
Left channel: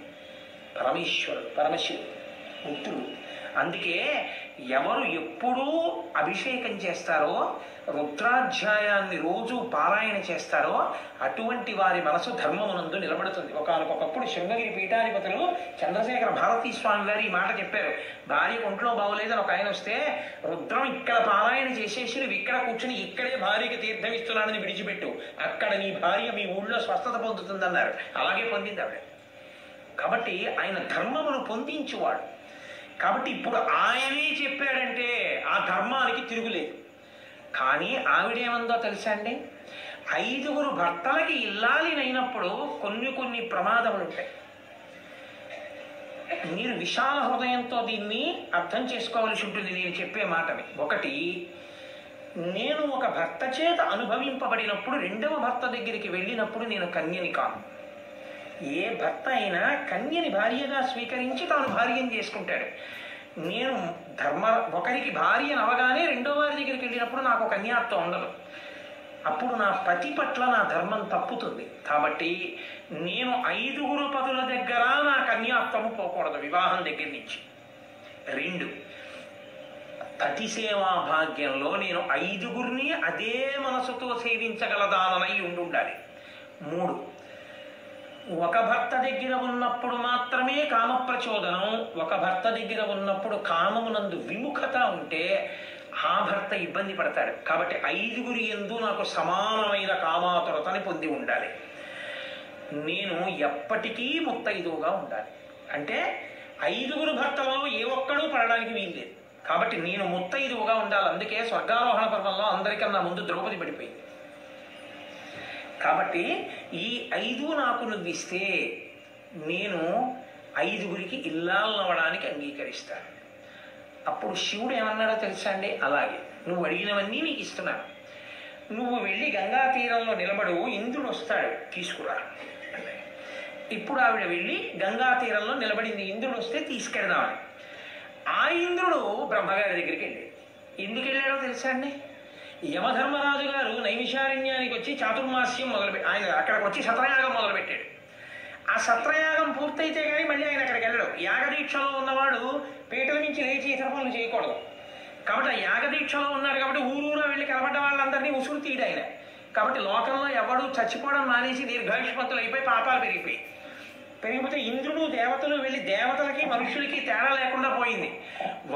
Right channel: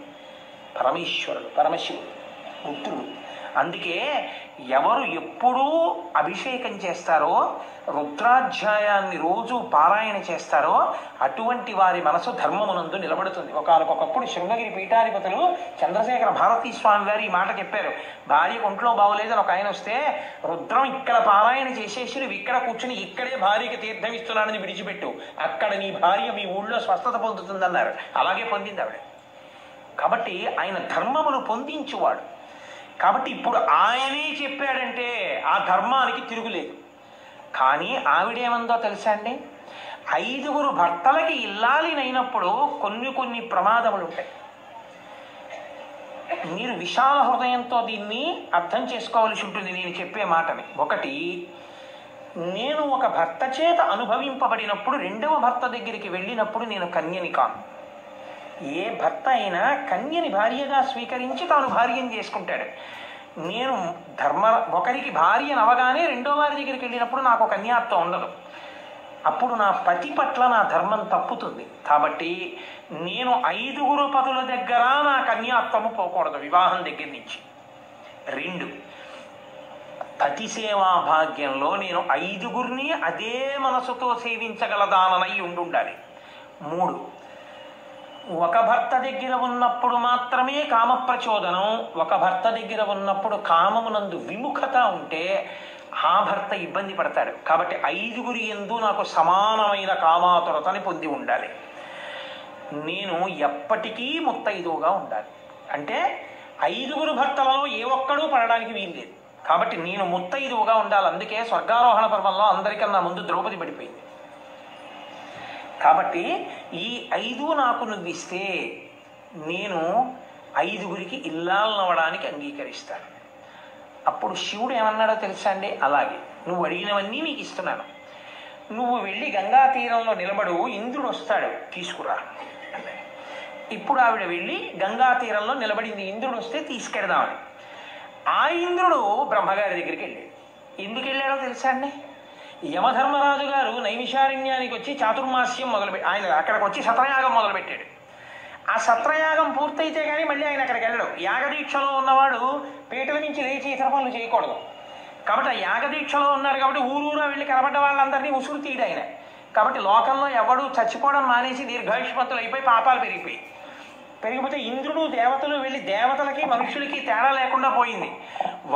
పరమేశ్వరుడు, పరమశివుడు, రుద్రుడు. అందుకే ఎవరు ఎప్పుడూ అభిషేకం చేస్తారో, రుద్రాధ్యాయాన్ని రోజు పారాయణ చేస్తారో అటువంటి వారి మనసు ధర్మమునందు నిలబడుతుంది. ఒకనకొకప్పుడు శృంగగిరి పీఠాధిపతులు చంద్రశేఖర భారతీ స్వామి గారు ఈ మాట చెప్పారు. భార్య ఒంట్లో బాగోలేదని ఒక ఆయన వస్తే, రుద్రం ఇక్కడ పారాయణ చేసేసి నువ్వు ఇక్కడ కూర్చుని ఇక్కడే భార్యకి తీర్థం ఇస్తున్నానని విడిచిపెట్టు, అక్కడ నీ భార్య మీ ఊళ్ళో స్వస్థత పొందుతుందన్నారు. అలాగే పొందింది ఆవిడ. కాబట్టి ఆయన ధర్మమును పొందించువాడు. కాబట్టి ఇప్పుడు ఆయనే చెప్పాడంటే ఆ ధర్మానికి తిరుగులేదు. కానీ ఆవిడేమందో తెలుసా అండి? 5గురు భర్తలకి ఇల్లాలినైనప్పుడు కొన్ని ప్రమాదములు ఉంటాయి. మీరు విశాల హృదయంతో దీన్ని అర్థం చేసుకోవాల్సి ఉంటుంది నేను చెప్పే మాటని. ఒకటి, నేను ఒక భర్త చేత అనుభవింపబడినప్పుడు రెండవ భర్త దగ్గరికి వెళ్ళినప్పుడు నేను కన్యని కాను. ఏ భర్త అయినా కన్యని భార్యగా స్వీకరించి తాను భార్యను చేసుకుంటాడు. నేను ఒకరికి భార్యను అవగానే రెండో వారి దగ్గరికి వెళ్ళినప్పుడు నాకు కన్యాత్వం ఉండదు. అప్పుడు నా పతి పట్ల నా ధర్మం తప్పుతుంది. కాబట్టి నేను 5 పతుల దగ్గర నా కన్యాత్వము పోకూడదు వివాహం దగ్గర నుంచి. 2, పతి సేవా భాగ్యంలో నేను 5 అదే మనసుతో సేవించగలదానమై ఉండాలి. 3, ఒక భర్త దగ్గర ఉన్నప్పుడు మాత్రమే కామ ప్రచోదనం, ఒక భర్త దగ్గర ఉన్నప్పుడు కామమునందు విముఖత ఉంటే ఆ భర్త ఇబ్బంది పడతాడు. కాబట్టి 5 యందు నాకు సమానమైన కామాతురతని పొంది ఉండాలి. నేను ఎప్పటికీ ముత్తైదువుగా ఉండాలి. అంటే 5 భర్తలలో ఏ ఒక్కడూ పడడానికి వీల్లేదు. కాబట్టి నేను ముత్తైదువుగా ఉండాలి. అందుకే స్వర్గారోహణ పర్వంలో అందరికన్నా ముందు ద్రౌపది పడిపోయింది. కాబట్టి ఈ 5 నాకు నువ్వు ఇస్తే నేను 5 ఇల్లాలనవడానికి అంగీకరిస్తాను. అప్పుడు శివుడు ఏమన్నాడో తెలుసా అండి? అలాగే నువ్వు అడిగినవన్నీ నీకు ఇస్తున్నాను, నువ్వు వెళ్ళి గంగా తీరంలో నిలబడు, ఇంద్రుడు వస్తాడు తీసుకురా. ఇప్పుడు ఆవిడ వెళ్ళి గంగా తీరంలో నిలబడింది, ఇంద్రుడు వస్తే తీసుకెడదామని. ఆ ఇంద్రుడు బ్రహ్మగారి దగ్గరికి వెళ్ళాడు. ఎందుకు వెళ్ళాడో తెలుసా అండి? యమధర్మరాజు గారు నైమిషారణ్యానికి వచ్చి చాతుర్మాస్యం ఆయన అక్కడికి వచ్చి సత్రయాగం మొదలుపెట్టాడు. ఆ సత్రయాగం పూర్తయితే కానీ మళ్ళీ ఆయన అక్కడికి వెళ్ళడు. యాగదీక్షలో ఉన్నవాడు పీటల నుంచి లేచి ఇతర పనులు చేయకూడదు. కాబట్టి ఆ యాగదీక్షలో ఉన్నారు కాబట్టి ఊరూరా వెళ్ళి కనబడ్డ వాళ్ళందరినీ ఉసురు తీయడు ఆయన. కాబట్టి లోకంలో ఎవడు చచ్చిపోవడం మానేసి దీర్ఘాయుష్మంతులు అయిపోయి పాపాలు పెరిగిపోతే ఇంద్రుడు దేవతలు వెళ్ళి దేవతలకి మనుషులకి తేడా లేకుండా పోయింది.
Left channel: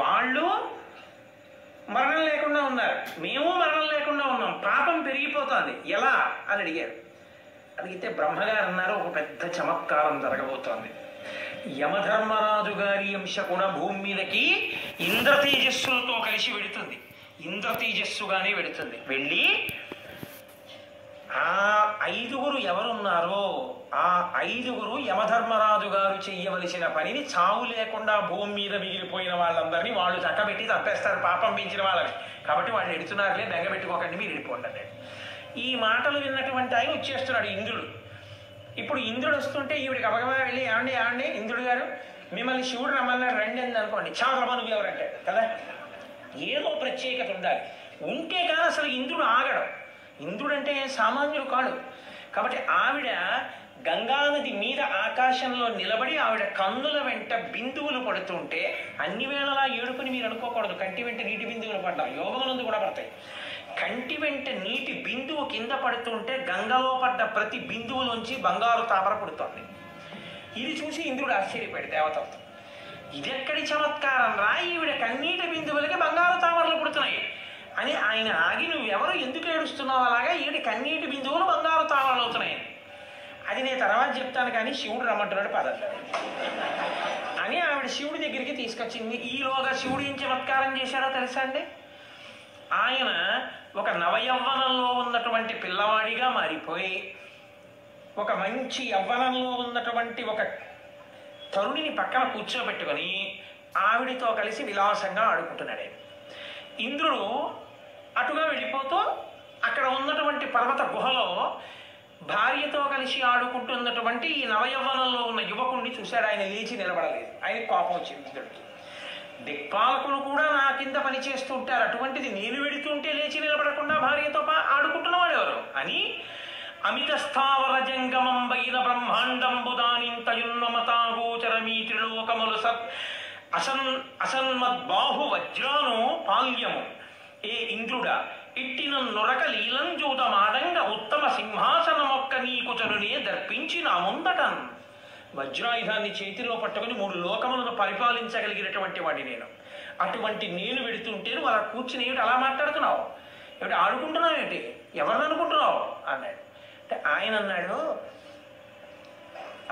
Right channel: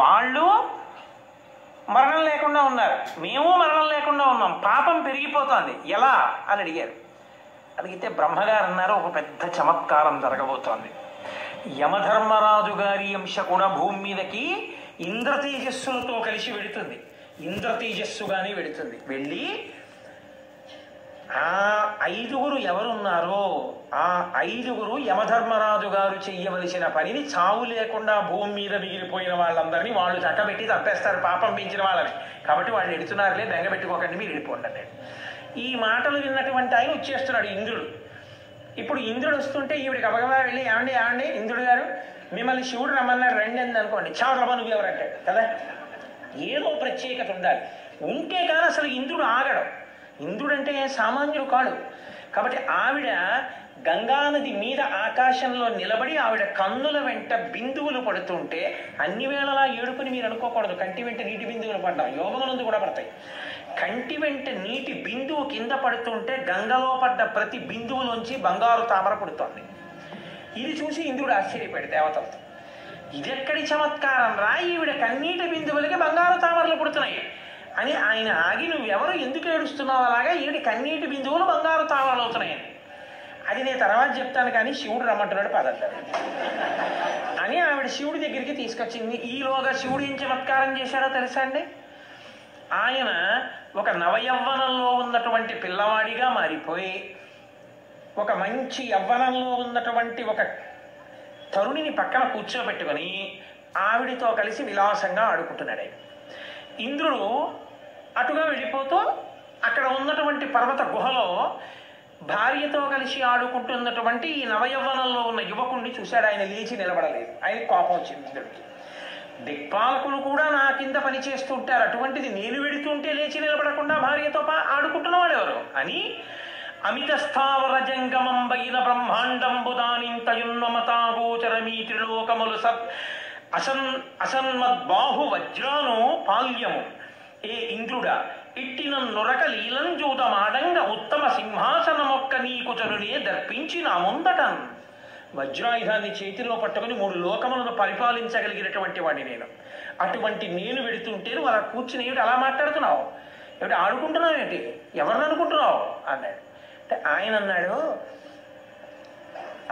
వాళ్ళు మరణం లేకుండా ఉన్నారు, మేము మరణం లేకుండా ఉన్నాం, పాపం పెరిగిపోతుంది ఎలా అని అడిగారు. అడిగితే బ్రహ్మగారు అన్నారు, ఒక పెద్ద చమత్కారం జరగబోతోంది. యమధర్మరాజు గారి అంశ కూడా భూమి మీదకి ఇంద్రతేజస్సులతో కలిసి వెడుతుంది, ఇంద్రతేజస్సుగానే వెడుతుంది. వెళ్ళి ఆ 5 ఎవరున్నారో ఆ 5 యమధర్మరాజు గారు చెయ్యవలసిన పనిని చావు లేకుండా భూమి మీద మిగిలిపోయిన వాళ్ళందరినీ వాళ్ళు చక్కబెట్టి తప్పేస్తారు, పాపం పెంచిన వాళ్ళని. కాబట్టి వాళ్ళు ఎడుతున్నారులే, బెంగ పెట్టుకోకండి, మీరు వెళ్ళిపోండి అన్నాడు. ఈ మాటలు విన్నటువంటి ఆయన వచ్చేస్తున్నాడు ఇంద్రుడు. ఇప్పుడు ఇంద్రుడు వస్తుంటే ఈవిడికి అబగబా వెళ్ళి ఏమండి ఇంద్రుడు గారు మిమ్మల్ని శివుడు రమ్మన్నాడు రండి అని అనుకోండి, చావరమ్మా నువ్వు ఎవరంటాడు కదా. ఏదో ప్రత్యేకత ఉండాలి, ఉంటే కానీ అసలు ఇంద్రుడు ఆగడు. ఇంద్రుడు అంటే సామాన్యుడు కాడు. కాబట్టి ఆవిడ గంగానది మీద ఆకాశంలో నిలబడి ఆవిడ కన్నుల వెంట బిందువులు పడుతుంటే అన్ని వేళలా ఏడుపుని మీరు అనుకోకూడదు. కంటి వెంట నీటి బిందువులు పడ్డా యోగములందు కూడా పడతాయి. కంటి వెంట నీటి బిందువు కింద పడుతుంటే గంగలో పడ్డ ప్రతి బిందువులోంచి బంగారు తామర పుడుతోంది. ఇది చూసి ఇంద్రుడు ఆశ్చర్యపోయాడు దేవతలతో. ఇదెక్కడి చమత్కారం రా, ఈవిడ కన్నీటి బిందువులకి బంగారు తామరలు పుడుతున్నాయి అని ఆయన ఆగి, నువ్వెవరు ఎందుకు ఏడుస్తున్నావు అలాగా, ఈవిడ కన్నీటి బిందువులు బంగారు తామరలు అవుతున్నాయి అది నేను తర్వాత చెప్తాను కానీ శివుడు రమ్మంటున్నాడు పదట్లేదు అని ఆవిడ శివుడి దగ్గరికి తీసుకొచ్చింది. ఈలోగా శివుడు ఏం చమత్కారం చేశారో తెలుసా అండి? ఆయన ఒక నవయవ్వనంలో ఉన్నటువంటి పిల్లవాడిగా మారిపోయి ఒక మంచి యవ్వనంలో ఉన్నటువంటి ఒక తరుణిని పక్కన కూర్చోబెట్టుకొని ఆవిడితో కలిసి విలాసంగా ఆడుకుంటున్నాడు. ఇంద్రుడు అటుగా వెళ్ళిపోతూ అక్కడ ఉన్నటువంటి పర్వత గుహలో భార్యతో కలిసి ఆడుకుంటున్నటువంటి ఈ నవయవ్వనంలో ఉన్న యువకుడిని చూశాడు. ఆయన లేచి నిలబడలేదు, ఆయన కోపం వచ్చింది ఇంద్రుడికి. దిక్పాలకులు కూడా నా కింద పని చేస్తూ ఉంటారు, అటువంటిది నేను వెడుతుంటే లేచి నిలబడకుండా భార్యతో ఆడుకుంటున్నవాడు ఎవరు అని అమిత స్థావర జంగమం బైన బ్రహ్మాండంబు దానింతయున్మమతాగోచరమీ త్రిలోకములు అసన్మద్బాహు వజ్రాను పాల్యము ఏ ఇంద్రుడా ఇట్టిన నొరక లీలంజూతమాడంగ ఉత్తమ సింహాసనమొక్క నీకు చరునే దర్పించి నా ముందటన్. వజ్రాయుధాన్ని చేతిలో పట్టుకుని 3 లోకములను పరిపాలించగలిగినటువంటి వాడిని నేను. అటువంటి నేను వెడుతుంటే నువ్వు అలా కూర్చుని ఏమిటి అలా మాట్లాడుతున్నావు, ఏమిటి ఆడుకుంటున్నావు, ఏంటి ఎవరిని అనుకుంటున్నావు అన్నాడు. అంటే ఆయన అన్నాడు,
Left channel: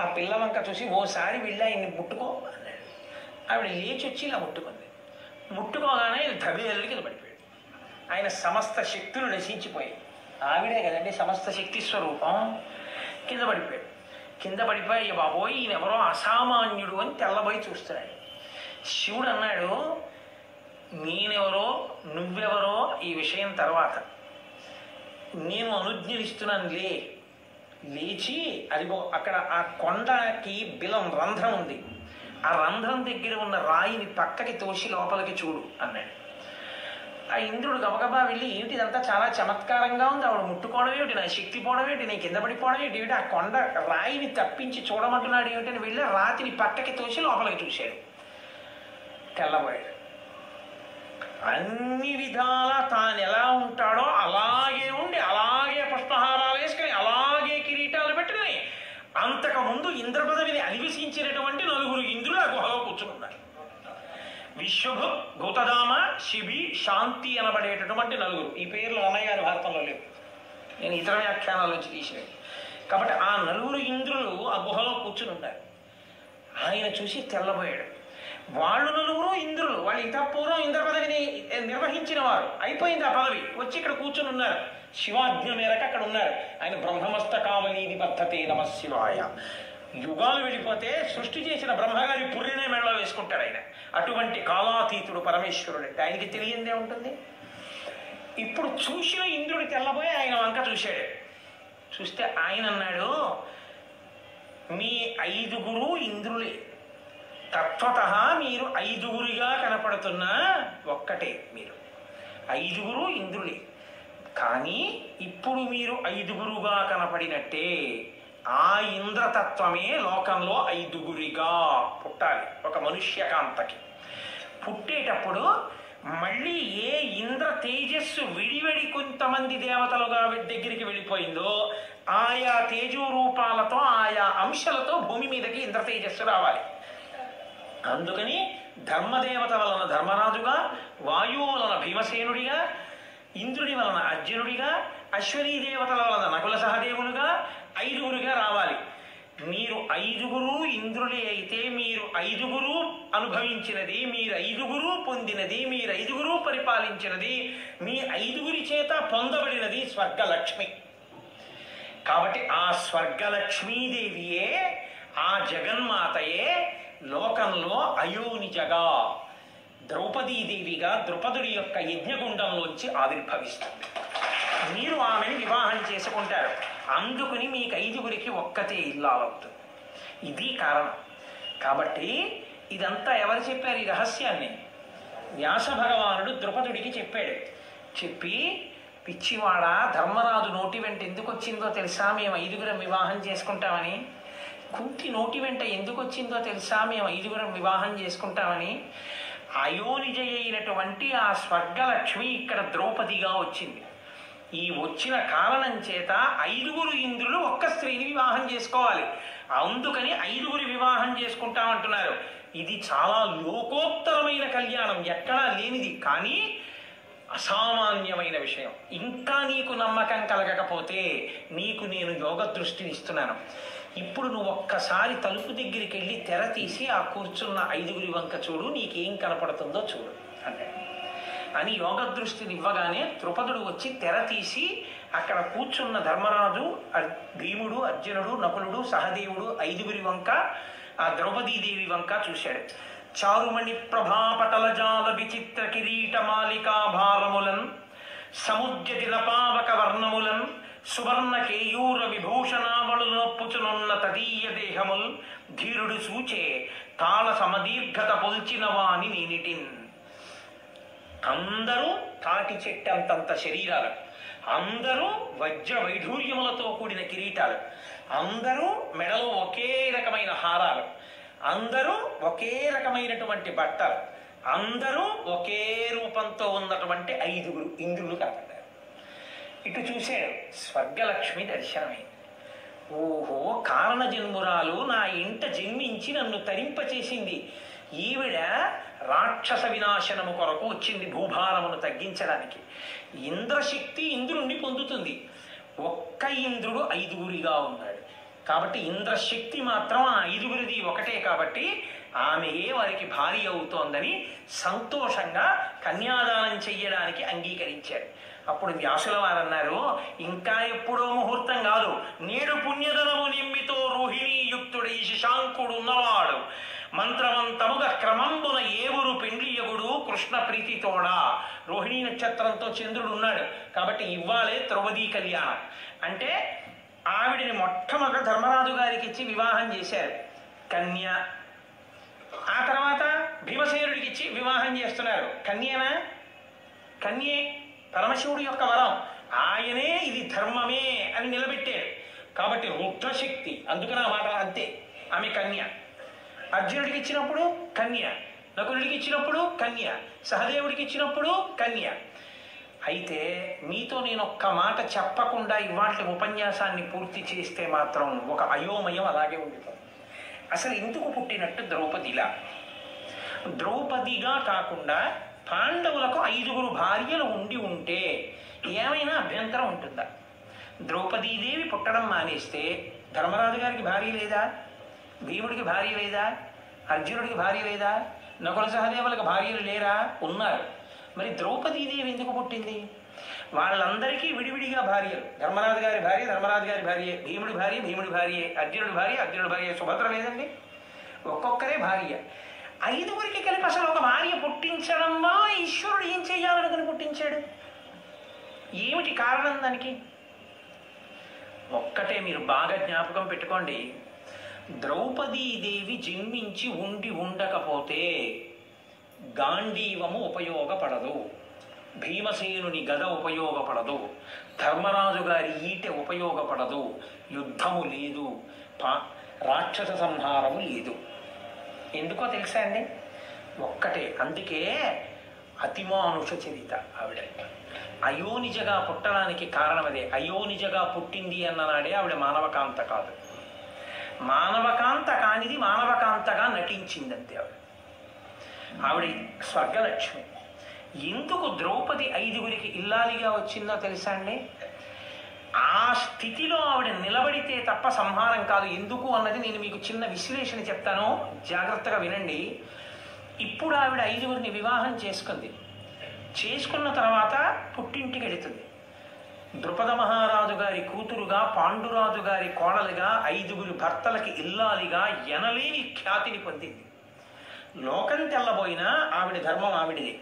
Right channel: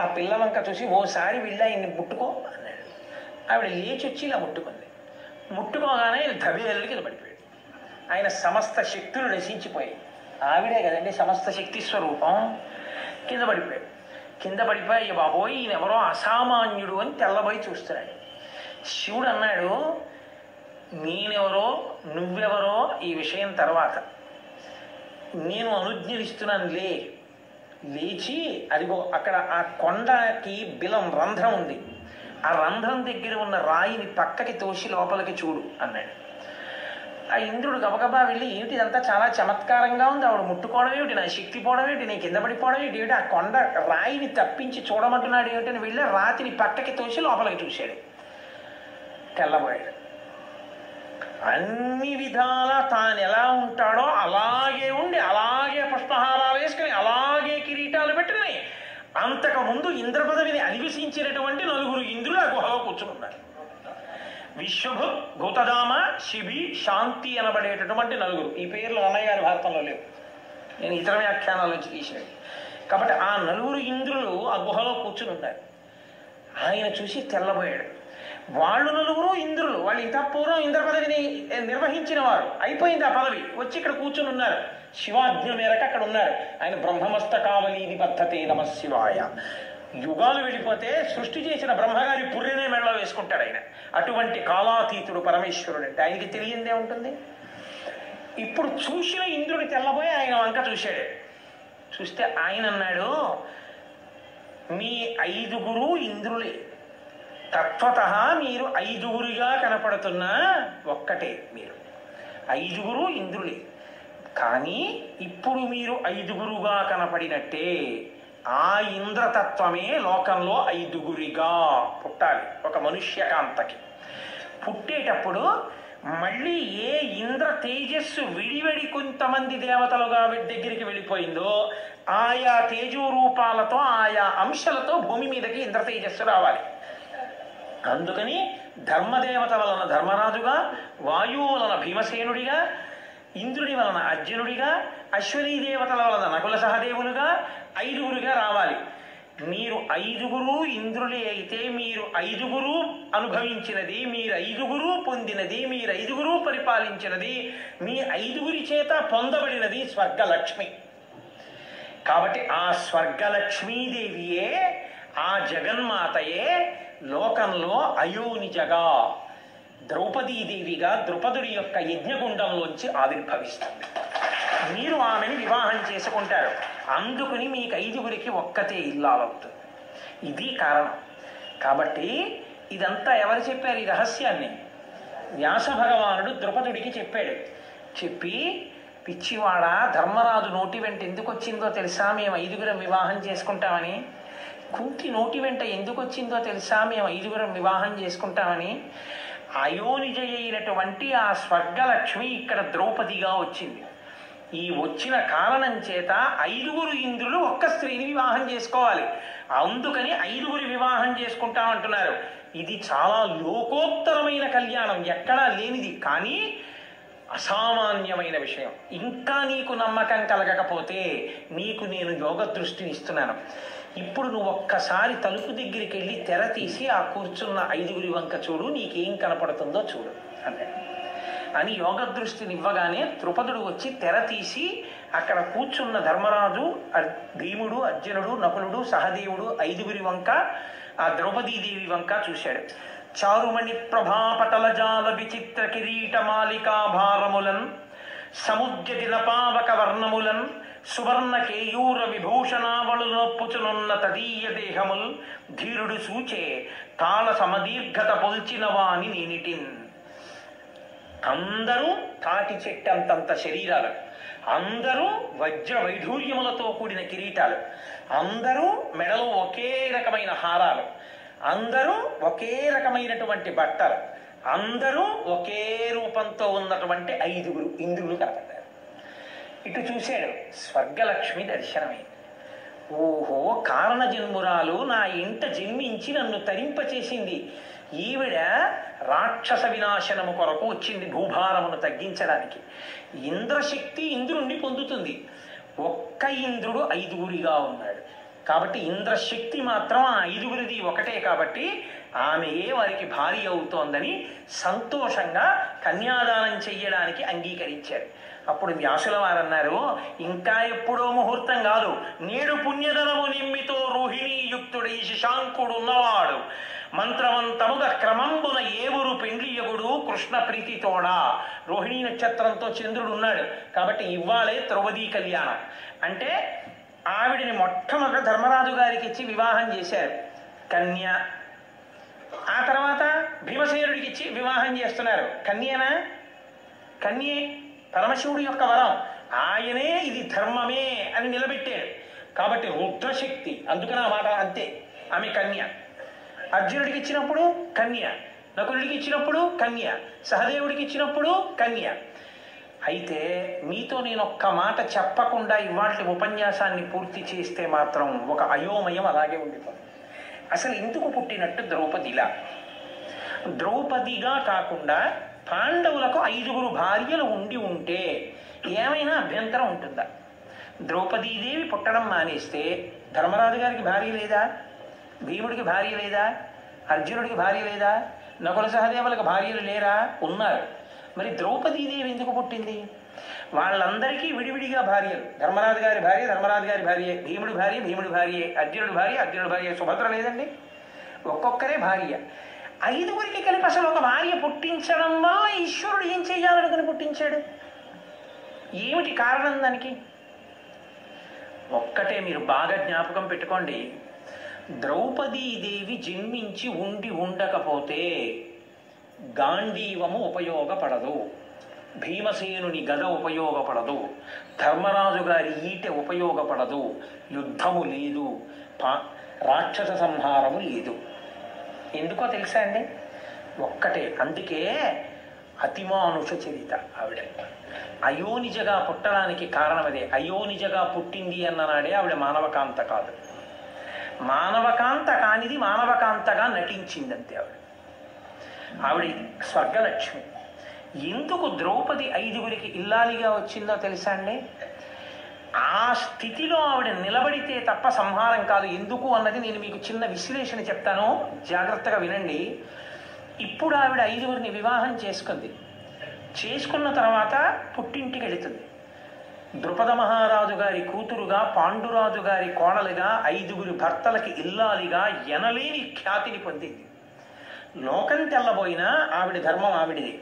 ఆ పిల్ల వంక చూసి ఓసారి వెళ్ళి ఆయన్ని ముట్టుకో అన్నాడు. ఆవిడ లేచి వచ్చి ఇలా ముట్టుకుంది. ముట్టుకోగానే ధబేలు కింద పడిపోయాడు. ఆయన సమస్త శక్తులు నశించిపోయాయి. ఆవిడే కదండి సమస్త శక్తి స్వరూపం. కింద పడిపోయాడు. కింద పడిపోయి బాబోయ్ ఈయనెవరో అసామాన్యుడు అని తెల్లబోయి చూస్తున్నాడు. శివుడు అన్నాడు, నేనెవరో నువ్వెవరో ఈ విషయం తర్వాత, నేను అనుజ్ఞలిస్తున్నాను లేచి అదిగో అక్కడ ఆ కొండకి బిలం రంధ్రం ఉంది, ఆ రంధ్రం దగ్గర ఉన్న రాయిని పక్కకి తోసి లోపలికి చూడు అన్నాడు. ఆ ఇంద్రుడు గబగబా వెళ్ళి ఏమిటి ఇదంతా చాలా చమత్కారంగా ఉంది, ఆవిడ ముట్టుకోవడం ఏమిటి, నా శక్తి పోవడం ఏమిటి, నేను కింద పడిపోవడం ఏమిటి, ఆ కొండ రాయిని తప్పించి చూడమంటున్నాడు ఏమిటని వెళ్ళి రాతిని పక్కకి తోసి లోపలికి చూశాడు. తెల్లబోయాడు. అన్ని విధాలా తాను ఎలా ఉంటాడో అలాగే ఉండి అలాగే పుష్పహారాలు వేసుకుని అలాగే కిరీటాలు పెట్టుకుని అంతకు ముందు ఇంద్ర పదవిని అధివసించినటువంటి 9 ఇంద్రులు ఆ గుహలో కూర్చున్నారు. విశ్వభుత్, భూతదామ, శిబి, శాంతి అనబడేటటువంటి 9. ఈ పేర్లు అన్నయ్య గారి భారతంలో లేవు, నేను ఇతర వ్యాఖ్యానాల నుంచి తీసినవి. కాబట్టి ఆ 9 ఇంద్రులు ఆ గుహలో కూర్చుని ఉన్నారు. ఆయన చూసి తెల్లబోయాడు. వాళ్ళు 9 ఇంద్రులు, వాళ్ళు ఇంత పూర్వం ఇంద్ర పదవిని నిర్వహించిన వారు, అయిపోయింది ఆ పదవి, వచ్చి ఇక్కడ కూర్చుని ఉన్నారు. శివాజ్ఞ మేరకు అక్కడ ఉన్నారు. ఆయన బ్రహ్మమస్తకావలీని పద్ధతి నమ శివాయ. యుగాలు వెళ్ళిపోతే సృష్టి చేసిన బ్రహ్మగారి పుర్రినే మెడలో వేసుకుంటాడు ఆయన. అటువంటి కాలాతీతుడు పరమేశ్వరుడు అంటే ఆయనకి తెలియందే ఉంటుంది. ఇప్పుడు చూసిన ఇంద్రుడి తెల్లబోయి ఆయన వంక చూశాడు. చూస్తే ఆయన అన్నాడు, మీ 5 ఇంద్రులే, తత్వత మీరు 5 కనపడుతున్నా ఒక్కటే, మీరు 5 ఇంద్రులే. కానీ ఇప్పుడు మీరు 5 కనపడినట్టే ఆ ఇంద్రతత్వమే లోకంలో 5 పుట్టాలి. ఒక మనుష్యకాంతకి పుట్టేటప్పుడు మళ్ళీ ఏ ఇంద్ర తేజస్సు విడివడి కొంతమంది దేవతలుగా దగ్గరికి వెళ్ళిపోయిందో ఆయా తేజో రూపాలతో ఆయా అంశాలతో భూమి మీదకి ఇంద్ర తేజస్సు రావాలి. అందుకని ధర్మదేవత వలన ధర్మరాజుగా, వాయువు వలన భీమసేనుడిగా, ఇంద్రుడి వలన అర్జునుడిగా, అశ్వనీ దేవతల వలన నకుల సహదేవులుగా 5 రావాలి. మీరు 5 ఇంద్రులే అయితే మీరు 5 అనుభవించినది, మీరు 5 పొందినది, మీరు 5 పరిపాలించినది, మీ 5 చేత పొందబడినది స్వర్గలక్ష్మి. కాబట్టి ఆ స్వర్గలక్ష్మీదేవియే, ఆ జగన్మాతయే లోకంలో అయోనిజగా ద్రౌపదీదేవిగా ద్రుపదుడి యొక్క యజ్ఞగుండంలోంచి ఆవిర్భవిస్తుంది. మీరు ఆమెను వివాహం చేసుకుంటారు. అందుకుని మీకు 5 ఒక్కతే ఇల్లాలవుతుంది. ఇది కారణం. కాబట్టి ఇదంతా ఎవరు చెప్పారు ఈ రహస్యాన్ని? వ్యాస భగవానుడు ద్రుపదుడికి చెప్పాడు. చెప్పి, పిచ్చివాడ, ధర్మరాజు నోటి వెంట ఎందుకు వచ్చిందో తెలుసా మేము 5 వివాహం చేసుకుంటామని? కుంతి నోటి వెంట ఎందుకు వచ్చిందో తెలుసా మేము 5 వివాహం చేసుకుంటామని? అయోనిజ అయినటువంటి ఆ స్వర్గలక్ష్మి ఇక్కడ ద్రౌపదిగా వచ్చింది. ఈ వచ్చిన కారణం చేత 5 ఇంద్రులు ఒక్క స్త్రీని వివాహం చేసుకోవాలి. అందుకని 5 వివాహం చేసుకుంటామంటున్నారు. ఇది చాలా లోకోత్తరమైన కళ్యాణం, ఎక్కడా లేనిది, కానీ అసామాన్యమైన విషయం. ఇంకా నీకు నమ్మకం కలగకపోతే నీకు నేను యోగ దృష్టిని ఇస్తున్నాను. ఇప్పుడు నువ్వు ఒక్కసారి తలుపు దగ్గరికి వెళ్ళి తెర తీసి ఆ కూర్చున్న 5 వంక చూడు, నీకేం కనపడుతుందో చూడు అంటే అని యోగ దృష్టిని ఇవ్వగానే ద్రుపదుడు వచ్చి తెర తీసి అక్కడ కూర్చున్న ధర్మరాజు, భీముడు, అర్జునుడు, నకులుడు, సహదేవుడు 5 వంక, ఆ ద్రౌపదీదేవి వంక చూశాడు. చారుమణి ప్రభాపటల జాల విచిత్ర కిరీట మాలికాభారములన్, సముద్యతి నపావక వర్ణములన్, సువర్ణ కేయూర విభూషణావళు నొప్పుచునున్న తదీయ దేహముల్, ధీరుడు సూచే కాల సమదీర్ఘత పొల్చిన వాని నేనిటిన్. అందరూ తాటి చెట్టంతంత శరీరాలు, అందరూ వజ్ర వైఢూర్యములతో కూడిన కిరీటాలు, అందరూ మెడలో ఒకే రకమైన హారాలు, అందరూ ఒకే రకమైనటువంటి బట్టలు, అందరూ ఒకే రూపంతో ఉన్నటువంటి 5 ఇంద్రులు కనపడ్డారు. ఇటు చూశాడు, స్వర్గలక్ష్మి దర్శనమైంది. ఓహో, కారణ జన్మురాలు నా ఇంట జన్మించి నన్ను తరింపచేసింది. ఈవిడ రాక్షస వినాశనము కొరకు వచ్చింది, భూభారమును తగ్గించడానికి. ఇంద్రశక్తి ఇంద్రుణ్ణి పొందుతుంది. ఒక్క ఇంద్రుడు 5 ఉన్నాడు. కాబట్టి ఇంద్రశక్తి మాత్రం ఆ 5 ఒకటే. కాబట్టి ఆమెయే వారికి భార్య అవుతోందని సంతోషంగా కన్యాదానం చెయ్యడానికి అంగీకరించాడు. అప్పుడు వ్యాసుల వారన్నారు, ఇంకా ఎప్పుడో ముహూర్తం కాదు, నేడు పుణ్యధనము నిమ్మితో రోహిణీ యుక్తుడై శశాంకుడు ఉన్నవాడు, మంత్రవంతముగా క్రమంబున ఏవురు పెండ్లియగుడు కృష్ణ ప్రీతితోడా. రోహిణీ నక్షత్రంతో చంద్రుడు ఉన్నాడు కాబట్టి ఇవ్వాలే ద్రౌపదీ కళ్యాణం. అంటే ఆవిడిని మొట్టమొదట ధర్మరాజు గారికి ఇచ్చి వివాహం చేశారు. కన్య ఆ తర్వాత భీమసేనుడికి ఇచ్చి వివాహం చేస్తున్నారు. కన్యేనా? కన్యే. పరమశివుడి యొక్క వరం. ఆయనే ఇది ధర్మమే అని నిలబెట్టారు. కాబట్టి రుద్రశక్తి, అందుకని ఆ మాట అంతే. ఆమె కన్య. అర్జునుడికి ఇచ్చినప్పుడు కన్య, నకులుడికి ఇచ్చినప్పుడు కన్య, సహదేవుడికి ఇచ్చినప్పుడు కన్య. అయితే మీతో నేను ఒక్క మాట చెప్పకుండా ఇవాళ ఉపన్యాసాన్ని పూర్తి చేస్తే మాత్రం ఒక అయోమయం అలాగే ఉండిపోతుంది. అసలు ఎందుకు పుట్టినట్టు ద్రౌపదిలా? ద్రౌపదిగా కాకుండా పాండవులకు 5 భార్యలు ఉండి ఉంటే ఏమైనా అభ్యంతరం ఉంటుందా? ద్రౌపదీదేవి పుట్టడం మానేస్తే ధర్మరాజు గారికి భార్య లేదా? భీముడికి భార్య లేదా? అర్జునుడికి భార్య లేదా? నకుల సహదేవులకు భార్యలు లేరా? ఉన్నారు. మరి ద్రౌపదీదేవి ఎందుకు పుట్టింది? వాళ్ళందరికీ విడివిడిగా భార్యలు. ధర్మరాజు గారి భార్య ధర్మరాజు గారి భార్య, భీముడి భార్య భీముడి భార్య, అర్జునుడి భార్య అర్జునుడి భార్య. సుభద్ర లేదండి, ఒక్కొక్కరే భార్య. 5 కలిపి అసలు ఒక భార్య పుట్టించడంలో ఈశ్వరుడు ఏం చెయ్యాలనుకుని పుట్టించాడు? ఏమిటి కారణం దానికి? ఒక్కటే మీరు బాగా జ్ఞాపకం పెట్టుకోండి. ద్రౌపదీదేవి జన్మించి ఉండకపోతే గాంధీవము ఉపయోగపడదు, భీమసేనుని గద ఉపయోగపడదు, ధర్మరాజు గారి ఈటె ఉపయోగపడదు, యుద్ధము లేదు, రాక్షస సంహారము లేదు. ఎందుకో తెలుసా అండి? ఒక్కటే. అందుకే అతిమానుష చరిత ఆవిడ. అయోనిజగా పుట్టడానికి కారణం అదే. అయోనిజగా పుట్టింది అన్ననాడే ఆవిడ మానవకాంత కాదు. మానవకాంత కానిది మానవకాంతగా నటించిందంతే ఆవిడ. ఆవిడ స్వర్గలక్ష్మి. ఎందుకు ద్రౌపది 5 ఇల్లాలిగా వచ్చిందో తెలుసా అండి? ఆ స్థితిలో ఆవిడ నిలబడితే తప్ప సంహారం కాదు. ఎందుకు అన్నది నేను మీకు చిన్న విశ్లేషణ చెప్తాను, జాగ్రత్తగా వినండి. ఇప్పుడు ఆవిడ 5 వివాహం చేసుకుంది. చేసుకున్న తర్వాత పుట్టింటికి వెళుతుంది. ద్రుపద మహారాజు గారి కూతురుగా, పాండురాజు గారి కోడలుగా, 5 భర్తలకి ఇల్లాలిగా ఎనలేని ఖ్యాతిని పొందింది. లోకం తెల్లబోయినా ఆవిడ ధర్మం ఆవిడిది.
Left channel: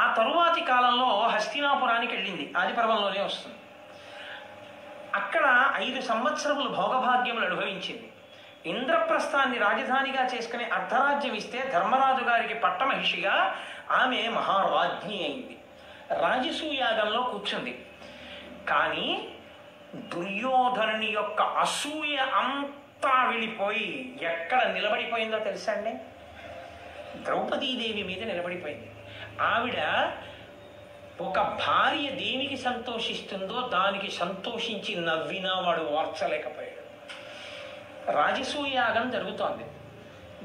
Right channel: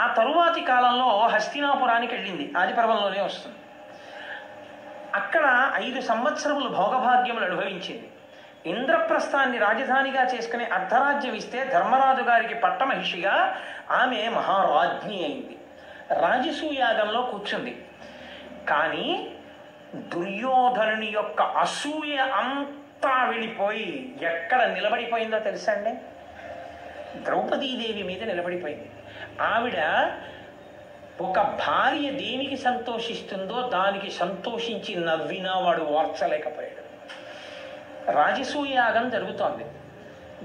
ఆ తరువాతి కాలంలో హస్తినాపురానికి వెళ్ళింది. ఆదిపర్వంలోనే వస్తుంది. అక్కడ 5 సంవత్సరములు భోగభాగ్యములు అనుభవించింది. ఇంద్రప్రస్థాన్ని రాజధానిగా చేసుకుని అర్ధరాజ్యం ఇస్తే ధర్మరాజు గారికి పట్టమహిషిగా ఆమె మహారాజ్ఞి అయింది. రాజసూయాగంలో కూర్చుంది. కానీ దుర్యోధనుని యొక్క అసూయ అంతా వెళ్ళిపోయి ఎక్కడ నిలబడిపోయిందో తెలుసా అండి? ద్రౌపదీదేవి మీద నిలబడిపోయింది. ఆవిడ ఒక భార్య దేనికి సంతోషిస్తుందో దానికి సంతోషించి నవ్వినా వాడు ఓర్చలేకపోయాడు. రాజసూయాగం జరుగుతోంది.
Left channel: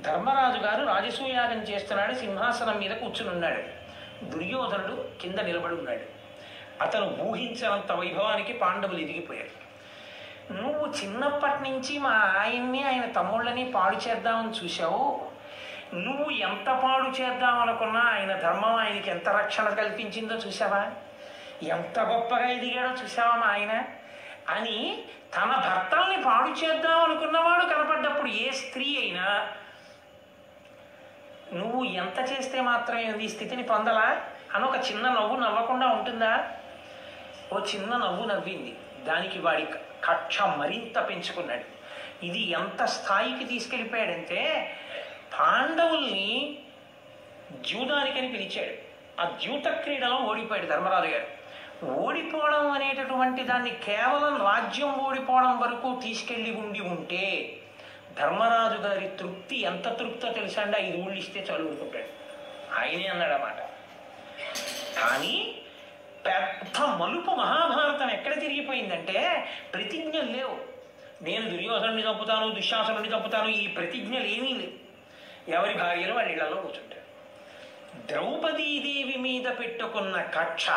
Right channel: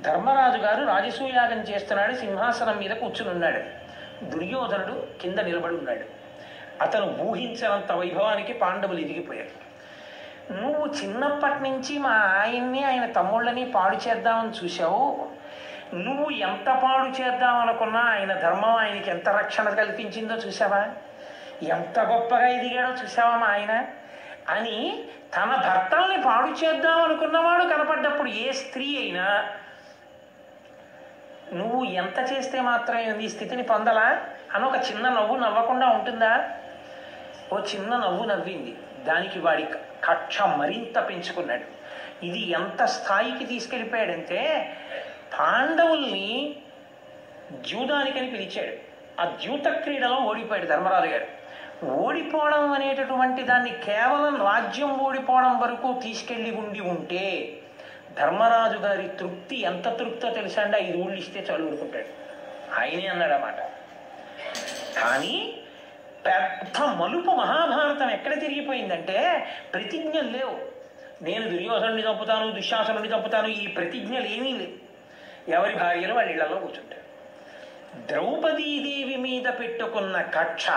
ధర్మరాజు గారు రాజసూయాగం చేస్తున్నాడు. సింహాసనం మీద కూర్చుని ఉన్నాడు. దుర్యోధనుడు కింద నిలబడి ఉన్నాడు. అతను ఊహించినంత వైభవానికి పాండవులు ఎదిగిపోయాడు. నువ్వు చిన్నప్పటి నుంచి మా ఆయన్ని ఆయన తమ్ముళ్ళని పాడు చేద్దామని చూశావు. నువ్వు ఎంత పాడు చేద్దామనుకున్నా ఆయన ధర్మం ఆయనకి ఎంత రక్షణ కల్పించిందో చూసావా? ఎంత గొప్పగా ఎదిగాడో చూసావా మా ఆయన అని తన భర్తల్ని పాడు చేద్దామనుకున్నవాడు కనపడ్డప్పుడు ఏ స్త్రీ అయినా నువ్వు ఎంత చేస్తే మాత్రం ఈ స్థితిని పొందలా అని ఒక చిన్న నవ్వు నవ్వకుండా ఉంటుందా? ఓ చిన్న నవ్వు నవ్వింది. దానికి వాడి కక్ష మరింత పెంచుకున్నాడు. ఇది ఎంత స్థాయికి తీసుకెళ్ళిపోయాడంటే పాండవుల్ని జూదానికని పిలిచాడు. ఆ ద్యూత క్రీడలో ఓడిపోయాడు ధర్మరాజు గారు. ఓడిపోవడం అనేటటువంటి దాన్ని కేవలం రాజ్యం ఓడిపోవడం వరకు తీసుకెళ్లి ఉంటే ధర్మరాజు గారి తృప్తి ఎంత తృప్తో తెలుసా అండి? 5 ఊళ్ళు ఇస్తే చాలు ఊరుకుంటాడు. ఆయనే అన్నాడు అన్నమాట. కానీ పెద్ద మలుపు మహాభారతం ఎక్కడ తిరిగిపోయిందంటే ప్రతిజ్ఞలు లేవు. నేను దుర్యోధనుని చంపుతాను, దుశ్శాసనుని చంపుతాను, ఈ ప్రతిజ్ఞలు ఏమీ లేవు. ఎవరి భార్యలు వాళ్ళ ఇళ్లలో కూర్చుంటారు. ద్రౌపదీదేవి మీద పెట్టుకున్న కక్ష,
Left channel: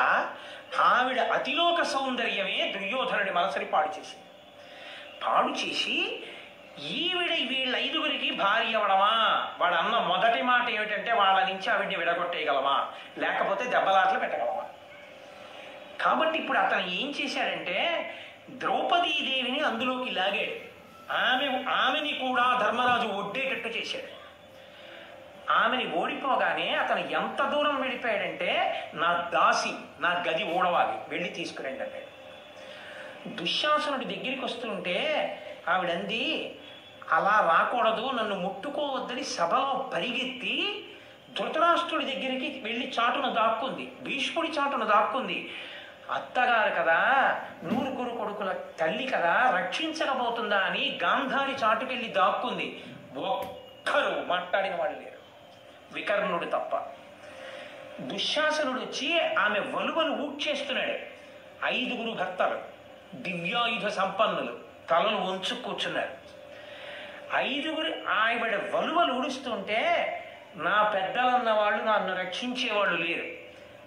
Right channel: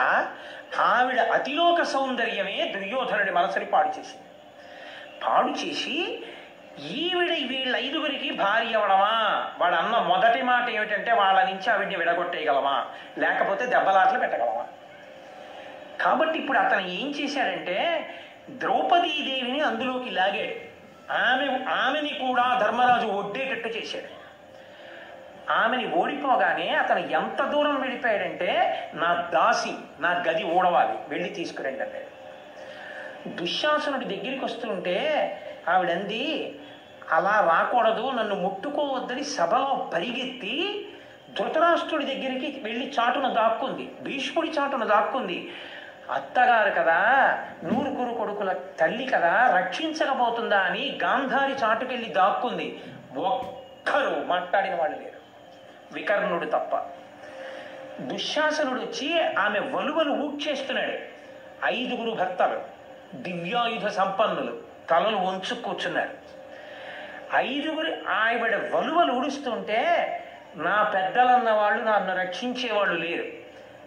ఆవిడ అతిలోక సౌందర్యమే దుర్యోధనుడి మనసుని పాడు చేసి ఈవిడ వీళ్ళ 5 భార్య అవడమా? వాడు అన్న మొదటి మాట ఏమిటంటే వాళ్ళ నుంచి ఆవిడ్ని విడగొట్టేయగలమా, లేకపోతే దెబ్బలాట్లు పెట్టగలమా? కాబట్టి ఇప్పుడు అతను ఏం చేశాడంటే ద్రౌపదీదేవిని అందులోకి లాగాడు. ఆమెని కూడా ధర్మరాజు ఒడ్డేటట్టు చేశాడు. ఆమెని ఓడిపోగానే అతను ఎంత దూరం వెళ్ళిపోయాడంటే నా దాసి, నా గది ఓడవాలి, వెళ్ళి తీసుకురండి అన్నాడు. దుశ్శాసనుడి దగ్గరికి వస్తుంటే ఆవిడంది, అలా రాకూడదు, నన్ను ముట్టుకోవద్దని సభలో పరిగెత్తి ధృతరాష్ట్రుడి దగ్గరికి వెళ్ళి చాటున దాక్కుంది, భీష్ముడి చాటున దాక్కుంది. అత్తగారు కదా, నూరుగురు కొడుకుల తల్లి కదా, రక్షించకపోతుందా అని గాంధారి చాటుకెళ్ళి దాక్కుంది. ఒక్కరు మాట్లాడిన వాళ్ళు లేరు, వికర్ణుడు తప్ప. దుశ్శాసనుడు వచ్చి ఆమె వలువలు ఊడ్చేస్తున్నాడు. 5 భర్తలు దివ్యాయుధ సంపన్నులు తలలు వంచు కూర్చున్నారు. 5 ఆవిడ వలువలు ఊడుస్తుంటే నా పెద్దలన్న వాళ్ళు నన్ను రక్షించేవాళ్ళు లేరు,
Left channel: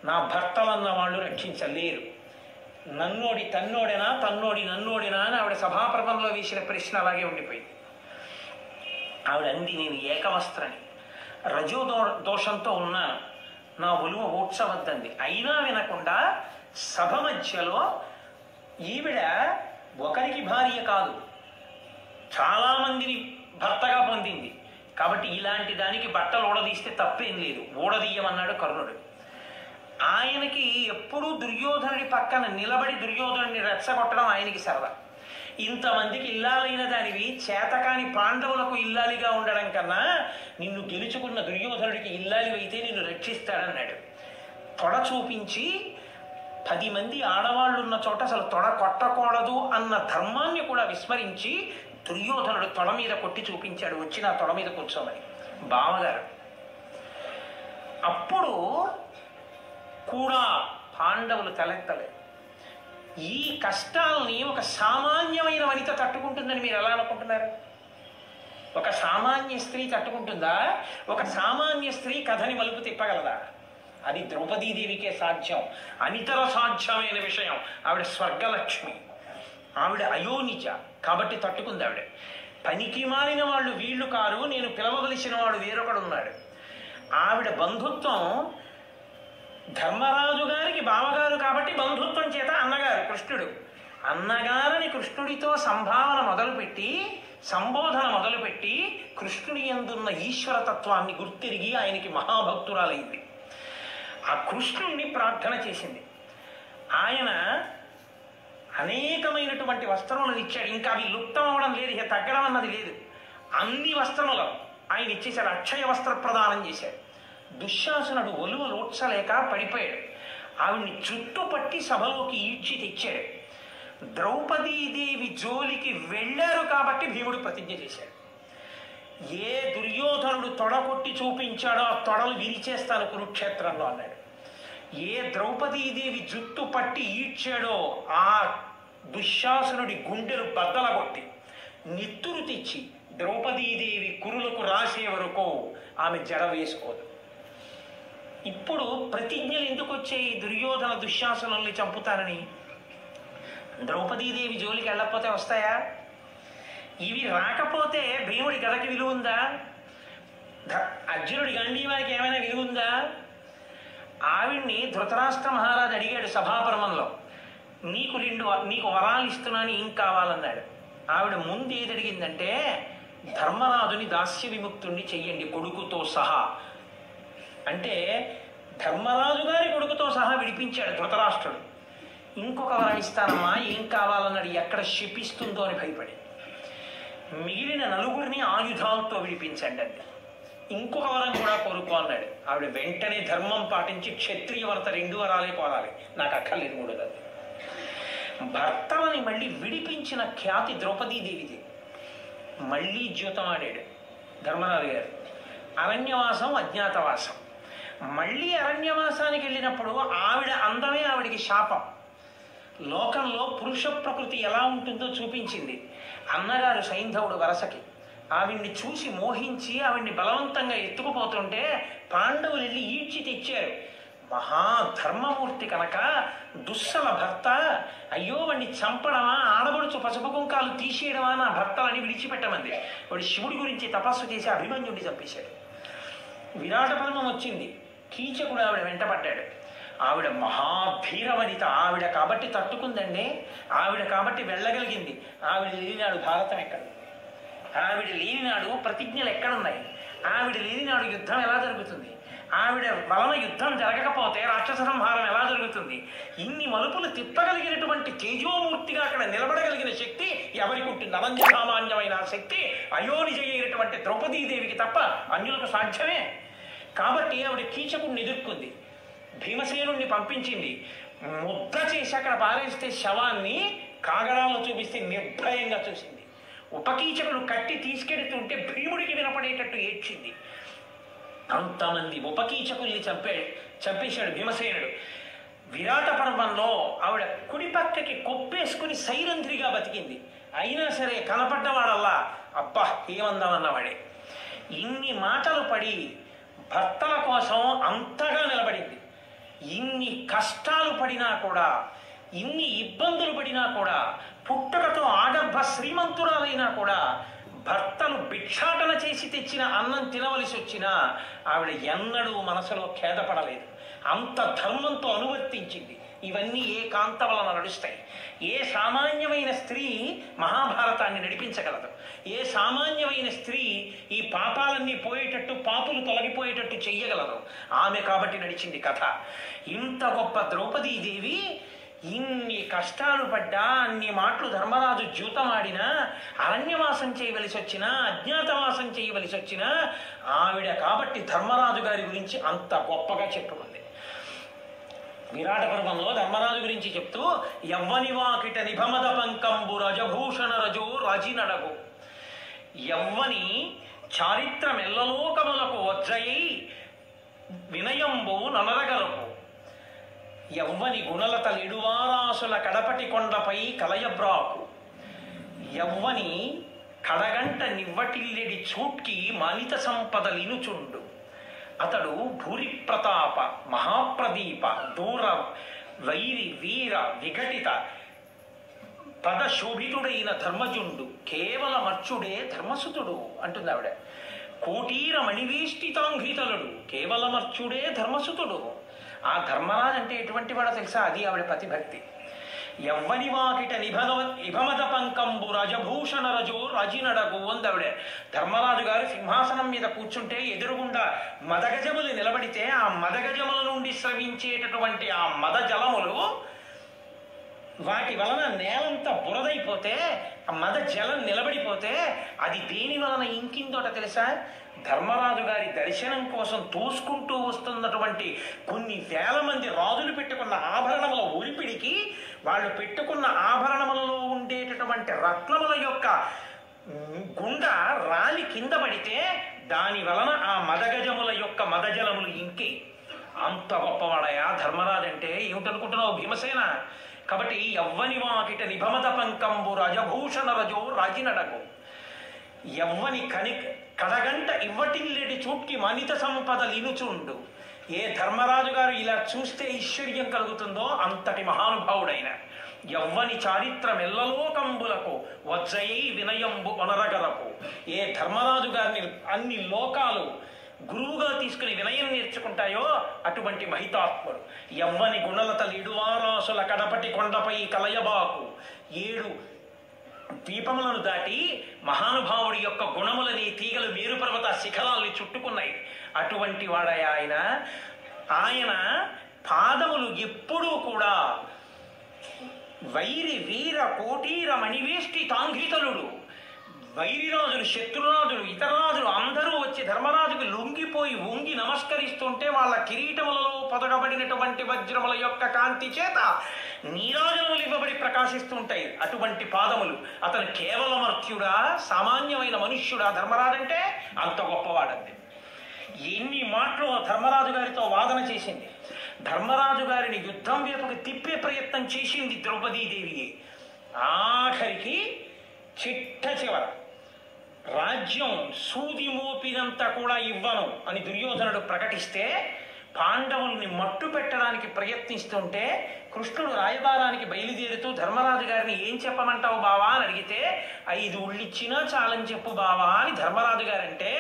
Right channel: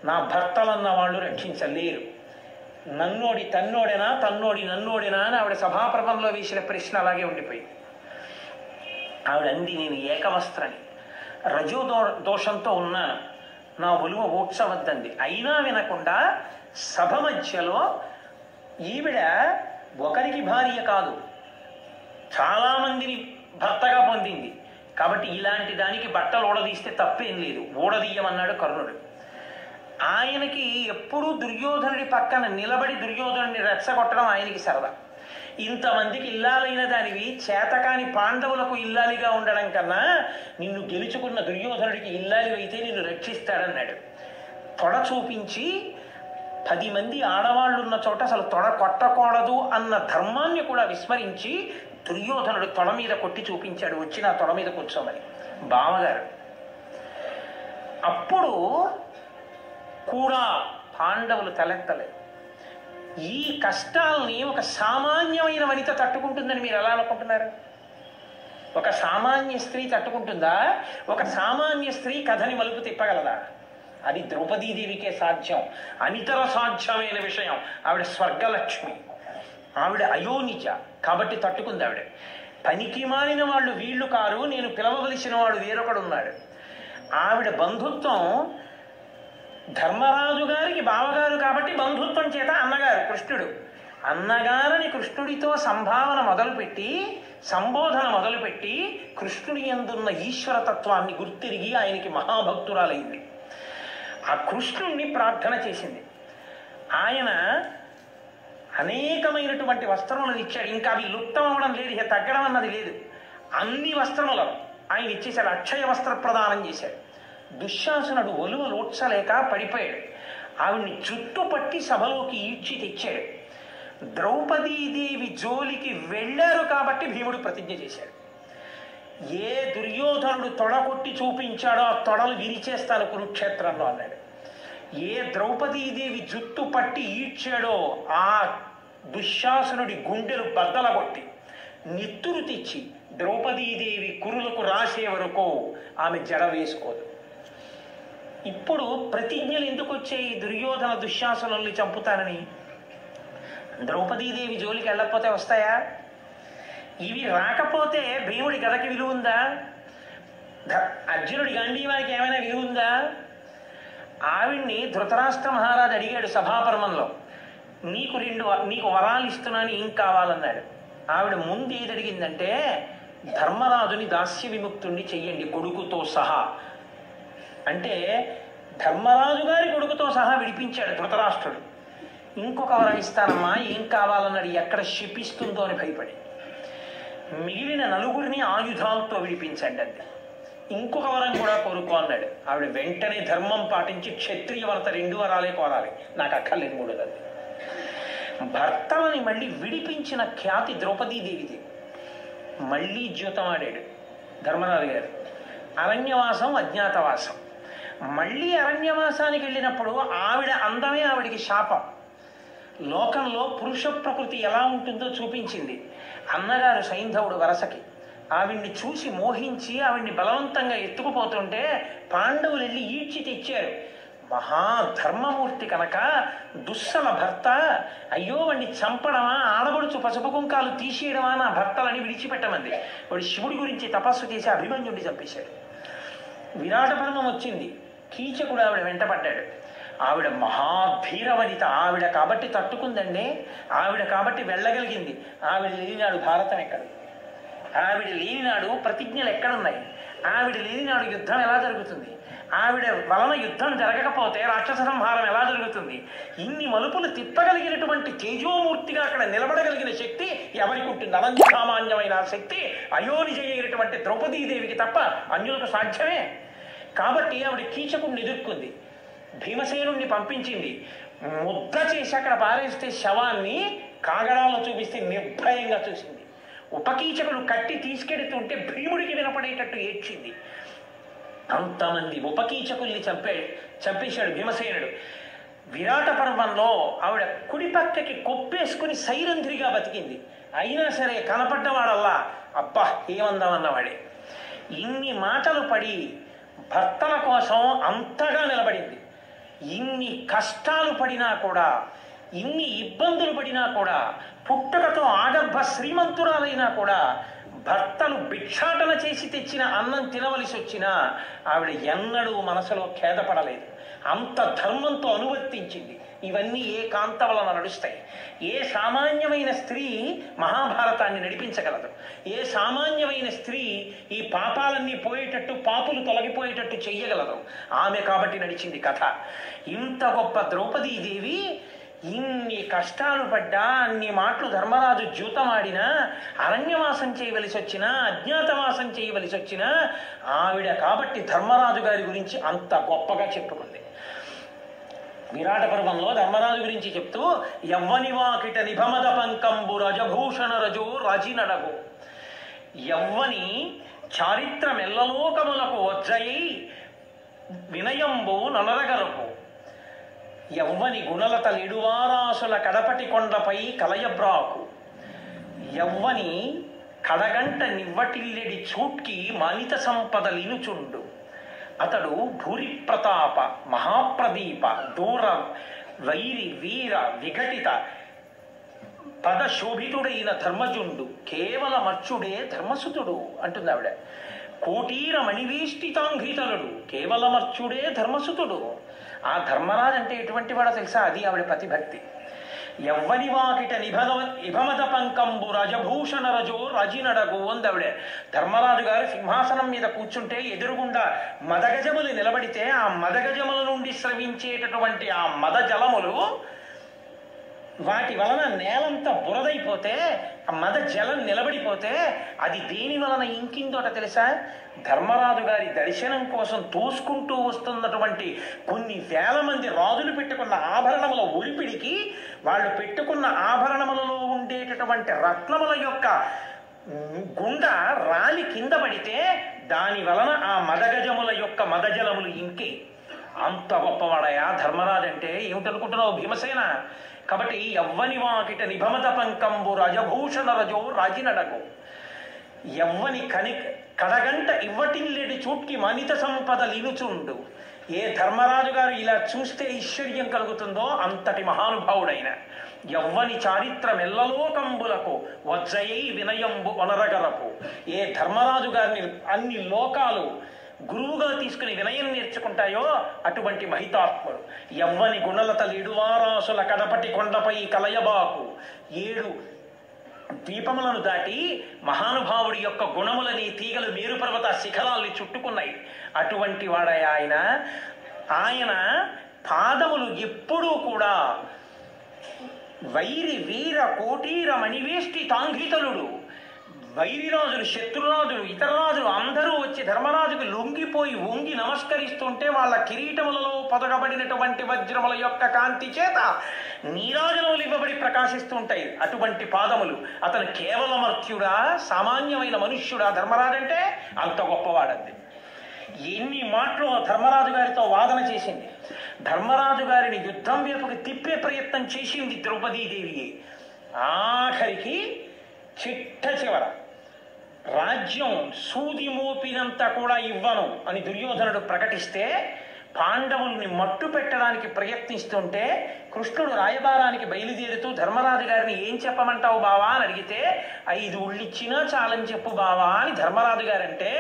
నా భర్తలన్న వాళ్ళు రక్షించలేరు, నన్నోడి తన్నోడేనా తన్నోడి నన్నోడినా అని ఆవిడ సభాప్రభంలో వేసిన ప్రశ్న అలాగే ఉండిపోయింది. ఆవిడ అంది, నేను ఏకవస్త్రని, రజో దోషంతో ఉన్నాను, నా ఒలువ ఊడ్చవద్దండి. అయినా వినకుండా సభ మధ్యలో ఈవిడ ఒకరికి భార్య కాదు, చాలా మందిని భర్తగా పొందింది కాబట్టి ఇలాంటి దానికి బట్టలు ఊడదీస్తే తప్పేం లేదు, ఊడదీయమన్నాడు కర్ణుడు. ఆయనకి ఎప్పుడూ దుర్యోధనుడి పక్కన నిలబడి దుర్యోధనుడిని రెచ్చగొట్టడం ఆయనకి సరదా. ఇంతమందికి ఇల్లాలైన దానివి చేతకాని పాండవులకు ఇల్లాలిగా ఉండడం కన్నా నిన్ను గెలుచుకున్న దుర్యోధనుడికి ఇల్లాలి అయితే నిన్ను రక్షిస్తాడన్నాడు. తొడ చూపించి 10 మంది ఆడవాళ్ళు ఉన్న చోట అసలు తొడ కొట్టకూడదు అన్న ధర్మాన్ని కూడా విస్మరించి దుర్యోధనుడు తొడ మీద కొట్టి చూపించాడు, వచ్చి నా తొడ మీద కూర్చోమని బావగారు. అప్పుడు కూడా పాండవులు తలెత్తలేదు. ఈ కష్టాలని ఒక సామాన్యమైన వనిత తట్టుకుంటుందని మీరు ఎలా అనుకుంటున్నారు? ఒక సామాన్య స్త్రీ తట్టుకుంటుందా? ఒక సామాన్య స్త్రీ కథని మలుపు తిప్పగలదా? అది ద్రౌపదీదేవికే సాధ్యం, అనితర సాధ్యమైన విషయం. ఆవిడ స్వర్గలక్ష్మి, ఆవిడ అయోనిజ కాబట్టి తట్టుకుంది. ఆవిడ పనికి మాలిన వాళ్ళు వీళ్ళు కారు, నేను పిలవవలసిన వాడు వేరొకడున్నాడు. ఆవిడ బంధుత్వం ధర్మరాజు గారికి బావగారు కాబట్టి బంధుత్వం చేత అన్నగారు కృష్ణుడు. అన్నగారిని కృష్ణుడితో సంభావన మొదలుపెట్టి సంబోధన మొదలుపెట్టి కృష్ణుడి యందున్న ఈశ్వరతత్వాన్ని గుర్తిరిగి ఆయనకి మహాభక్తురాలైంది. ఆ కృష్ణుణ్ణి ప్రార్థన చేసింది. ఆయన అనేకమైనటువంటి వస్త్రములను ఇచ్చాడు. ఇంకా అవి లుప్తం అవడం లేదు, ఇక తగ్గడం అన్నది లేదు. అన్ని వస్త్రములను ఆయన ఇచ్చేశాడు, అక్షయ వస్త్ర ప్రదానం చేశాడు. దుశ్శాసనుడు ఒలువ లోడ్చలేక పడిపోయాడు. ఆవిడ్ని చుట్టుపట్టి సభలోకి ఈడ్చి తెచ్చాడు. ద్రౌపదీదేవి జోలికి వెళ్ళారు కాబట్టి భీముడు ప్రతిజ్ఞ చేశాడు. ఏ దుర్యోధనుడు తొడ కొట్టి చూపించాడో ఆ తొడలు విరిచేస్తాను కురుక్షేత్రంలో అన్నాడు. ఏ ద్రౌపదీదేవి జుట్టు పట్టి ఈడ్చాడో ఆ దుశ్శాసనుడి గుండెలు బద్దలగొట్టి నిత్తురు తెచ్చి ద్రౌపదీదేవి కురులకు రాసే వరకు ఆమె జడ వేసుకోదు. ఇప్పుడు ప్రతిజ్ఞలు ఎందుకు వచ్చాయి? దుర్యోధన దుశ్శాసనుల్ని చంపుతానని. ద్రౌపదీదేవి జోలికి వెళ్ళకపోతే వస్తాయా? ఇవి రాకపోతే భీముడి గదకి విలువ ఉందా? అర్జునుడి గండీవారికి ఏమైనా విలువ ఉందా? ఆవిడ్ని ధృతరాష్ట్ర మహారాజు అడిగాడు సభాపర్వంలో, నీకు వరాలు ఇస్తున్నాను, ఏం కావాలన్నాడు. ఆవిడ ముందు ఏది అడిగిందంటే, ధర్మరాజుని దాస్య విముక్తుణ్ణి చెయ్యండి కొడుకుతో సహా అంటే ధర్మరాజు గారి కొడుకుతో సహా విడిపించాడు ధృతరాష్ట్రుడు. ఇంకొక వరం ఇస్తానమ్మా, ఏం కావాలన్నాడు. ఎక్కడ శపిస్తుందో అని భయపడి మిగిలిన 9 ఆయుధాలతో విడిపించండి అంటే ఇంకొక వరం కూడా కోరుకో అన్నాడు. ఆవిడ వెంటనే ధర్మం పాటించి క్షత్రియ వరత 2 వరాలే కోరాలి, నాకు అక్కర్లేదు 3 వరాలు. భర్తలని మళ్ళీ విడిపించిన ఖ్యాతి ద్రౌపదీదేవిది. మళ్ళీ జీవితం ఆడాడు ధర్మరాజు గారు. అరణ్యవాసం, అజ్ఞాతవాసం. మళ్ళీ అరణ్యవాసానికి వెళ్ళినప్పుడు ఆవిడ అందమే ఆవిడికి శాపం. లోకంలో పురుష ప్రకృతి ఎలా ఉంటుందో చూపించింది. అన్నగారు సైంధవుడు వరసకి ఆవిడ్ని చూసి మోహించి ఆవిడ్ని బలవంతంగా ఎత్తుకుపోతుంటే పాండవులు వెళ్ళి ఈడ్చి తెచ్చారు. మహాధర్మమూర్తి కనుక దుస్సల భర్త, అయ్యో వాడిని చంపడమా, ఆడబడుచు పసుపు కుంకాలు తీసేయడమా, నా భర్తలని విడిచిపెట్టమంది. వాడు శివుడి గురించి తపస్సు చేసి అభిమన్యుడిని చంపేశాడు. విరాట పర్వం వచ్చింది, కీచకుడు ఆవిడ వెంటపడ్డాడు. ఆవిడ మహాభీరవనిత, ఆవిడ కాబట్టి తట్టుకుందండి, ఆవిడ కాబట్టి వెళ్ళగలిగింది. ఆవిడ లేనినాడు భారతం ఎక్కడ? ఆవిడ లేనినాడు ప్రతిజ్ఞలు ఎక్కడున్నాయి? ఆవిడ లేనినాడు యుద్ధం ఎలా జరుగుతుంది? ఆవిడ వలన యుద్ధం జరగకపోతే రాక్షస సంహారం ఎలా జరుగుతుంది? ఇన్ని మలుపులు తిప్పగలిగినటువంటి తేజోమూర్తిగా అక్కడ నిలబడగలిగిన శక్తి ఎవరికి ఉంటుంది? అనంత సామాన్యమైన శక్తి అయోనిజ అయినటువంటి ద్రౌపదీదేవికి తప్ప అన్యులకు సాధ్యమే. కాబట్టి ఆవిడ కీచకుడిని ఎదుర్కొంది, భీమసేనుణ్ణి పంపించింది, ముద్ద చేసి అక్కడ పారేస్తే శవాన్ని కాగడాల్లో చూపిస్తే నిర్భయంగా చూసింది. ఉపకీచకుడు కట్టి తీసుకెడుతుంటే భీముడికి వినపడేటట్టు ఏడ్చింది. అంతమంది ఉపకీచకుల్ని చంపేశాడు భీమసేనుడు. విరాట పర్వంలో ఆవిడ కుడి పక్కకి కొప్పేసుకుని సైరంధ్రిగా బతికింది. అయినా సరే కనపడ్డవాడల్లా అబ్బా ఏమందామన్నవాడే. ఇన్ని మాటలు పడి భర్తల కోసం అంతగా నిలబడింది. ఇన్ని కష్టాలు పడినా కూడా, ఇన్ని ఇబ్బందులు పడినా కూడా, పుట్టుకతో ఆడర్భ శ్రీమంతురాలైనా కూడా భర్తను భిక్షాటన చేసి తెచ్చిన అన్నం తినవలసి వచ్చినా ఆవిడ ఎన్నడూ మనసులో ఖేదపడలేదు. అంత ధర్మంతో అనువర్తించింది. ఇవన్నీ ఏ కాంత వలన నడుస్తాయి? ఏ సామాన్యమైన స్త్రీ మహాభారతాన్ని నడిపించగలదు? ఏ సామాన్యమైన స్త్రీ ఈ పాపాలన్నీ పోయేటట్టు, పాపులు తొలగిపోయేటట్టు చెయ్యగలదు? ఆమె కాబట్టి నడిచింది కథ. ఇంత గొప్ప ద్రౌపదీదేవి ఇన్ని కష్టాలు పడ్డా, అన్ని మాటలు ధర్మరాజు ద్యూతమాడినా, అరణ్యవాసం చేయవలసి వచ్చినా, అజ్ఞాతవాసం చేయవలసి వచ్చినా ఆవిడ కాబట్టి ధర్మరాజు గారి గురించి అంత గొప్పగా చెప్పుకుంది. విరాట పర్వంలో ధర్మరాజు గురించి చెప్తూ యవ్వనివాకిట నిభమద పంకంబు రజభూషణ రజో రాజినడగు, యవ్వని చారిత్ర మెల్లలోకములకు వజ్రయై వినయంబు ననరగలకు, యవ్వని గుణలత లిడువారాసుల కడపటి కొండపై కలయబ్రాకు, యవ్వని కడగంట నివ్వటిల్లెడి చూట్కి మానిత సంపద లినుచుండు, అతడు భూరి ప్రతాప మహాప్రదీప దూర వైరి వీర విఘటిత పదశోభితుడైన ధర్మజుండు, కేవల మర్చుడే ధర్మసుతుడు అంటుంది ఆవిడ. కోటీర మణివేష్టితాంఘ్రితలుడు, కేవలమర్చుడే ధర్మసుతుడు. ఆ ధర్మరాజు అంటే ఎటువంటి వాడో తెలుసా? అది ఆవిడ ప్రతిభక్తి. యవ్వని వాకిట నిభమద పంకంబు రజభూషణ రజో రజినడగు అందావిడ. ధర్మరాజు గారు సింహాసనం మీద కూర్చుంటే ఎదురుగుండా మదగజములు నిలబడితే ఆ మదగజముల నుండి స్రవించేటటువంటి ఆ మద జలములు వాటి వలన నేలంతా బురదైపోతే, ఆ మద జలం నిలబడిపోతే అది దేని వలన ఇంకిందోట తెలుసా? ధర్మరాజు గారి దర్శనం కోసం తోసుకుంటూ వస్తున్నటువంటి కొన్ని వేల మంది రాజులు పెట్టుకున్న ఆభరణముల ఒలిపిడికి, వాళ్ళు పెట్టుకున్న ఆభరణములలో ఉండేటటువంటి రత్నముల యొక్క గుండ రాలి కింద పడితే దాని వలన ఆ మదగజముల యొక్క మదజలములు ఇంకి. అంత గొప్పవాడయా ధర్మరాజు అంటే. ఏమిటనుకుంటున్నావు భీమసేన? కాబట్టి యవ్వని వాకిట నిభమద పంకంబు రజభూషణ రజో రాజినడగు, యవ్వని కడగంట ఇవ్వటిల్లెడి చూట్కి మనిత సంపద లినుచుండు. ఏ ధర్మరాజు గారు ఇలా చూస్తే ఐశ్వర్యం కలుగుతుందో అంతటి మహానుభావుడైన. యవ్వని చారిత్రమెల్లలోకంబులకు వజ్రయై వినయంబు వనరగలకు. ఏ ధర్మరాజు గారిని అన్ని లోకాలు గురువుగా తీసుకుని వినయం నేర్చుకుంటాయో అటువంటి మహితాత్ముడు. యవ్వని గుణలత లిడువారాసుల కడపటి కొండపై కలయబాకు. 7 దీపములను దాటి మహానుభావుడి యొక్క గుణములని తీగలు మేరు పర్వత శిఖరాల్ని చుట్టుకున్నాయి. అటువంటి వాడయ ఆయన. ఆయన పాదములు ఎప్పుడూ కూడా వైరి వీర కోటీర మణివేష్టి తాంఘ్రితలుడు. వైరిరాజులు, శత్రురాజులు, ఇతర రాజులు అందరూ వచ్చి ధర్మరాజుకు లొంగిపోయి వంగి నమస్కరిస్తుంటే వాళ్ళ కిరీటములలో పొదగబడినటువంటి వజ్రముల యొక్క కాంతి చేత నీరాజనములు ఇవ్వబడి ప్రకాశిస్తుంటాయి అటువంటి పాదములు. అతను కేవలమర్త్యుడా, సామాన్యమైన మనుష్యుడా ధర్మరాజు అంటే? అంత గొప్పవాడంతే. ఎన్ని మాటలు ధర్మరాజు గారితో వాదన చేసింది. ధర్మరాజు గారిని యుద్ధం వైపుకి తిప్పే ప్రయత్నం చేసింది ద్రౌపదీదేవి. ఆఖరికి చిట్ట చివర రాజ్యం సూది మోపినంత కూడా ఇవ్వను అని దుర్యోధనుడు ప్రకటిస్తే, పాండవుల్ని మట్టు పెట్టడానికి ప్రయత్నిస్తుంటే కృష్ణుడు రాయబారానికి బయలుదేరుతూ ధర్మరాజు గారిని ఏం చెప్పమంటావు బావా అని అడిగితే 5 ఉళ్ళిచ్చినా చాలని చెప్పు బావా అని ధర్మరాజు గారంటే,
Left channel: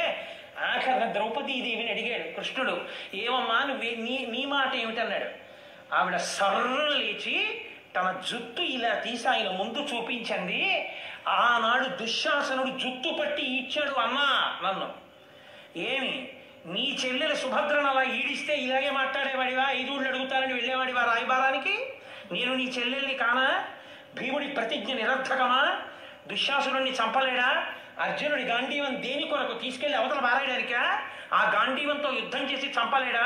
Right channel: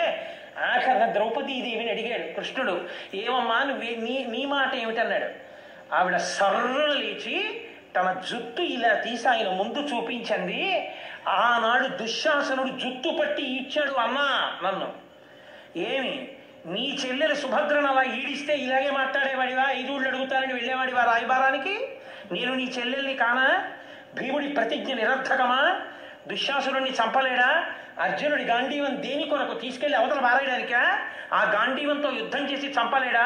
ఆఖరణ ద్రౌపదీదేవిని అడిగాడు కృష్ణుడు, ఏమమ్మా నువ్వు నీ మాట ఏమిటన్నాడు. ఆవిడ సర్రును లేచి తన జుట్టు ఇలా తీసి ఆయన ముందు చూపించండి. ఆనాడు దుశ్శాసనుడు జుట్టు పట్టి ఇచ్చాడు అమ్మా నన్ను. ఏమి నీ చెల్లెలు సుభద్రను అలా ఈడిస్తే ఇలాగే మాట్లాడేవాడివా? 5 ఊళ్ళు అడుగుతానని వెళ్ళేవాడివా రాయబారానికి? నేను నీ చెల్లెల్ని కానా? భీముడి ప్రతిజ్ఞ నిరర్థకమా? దుశ్శాసురుణ్ణి చంపలేడా? అర్జునుడి గాంధీవం దేని కొరకు తీసుకెళ్లి అవతల పారేయడానికా? ఆ గాంధీవంతో యుద్ధం చేసి చంపలేడా?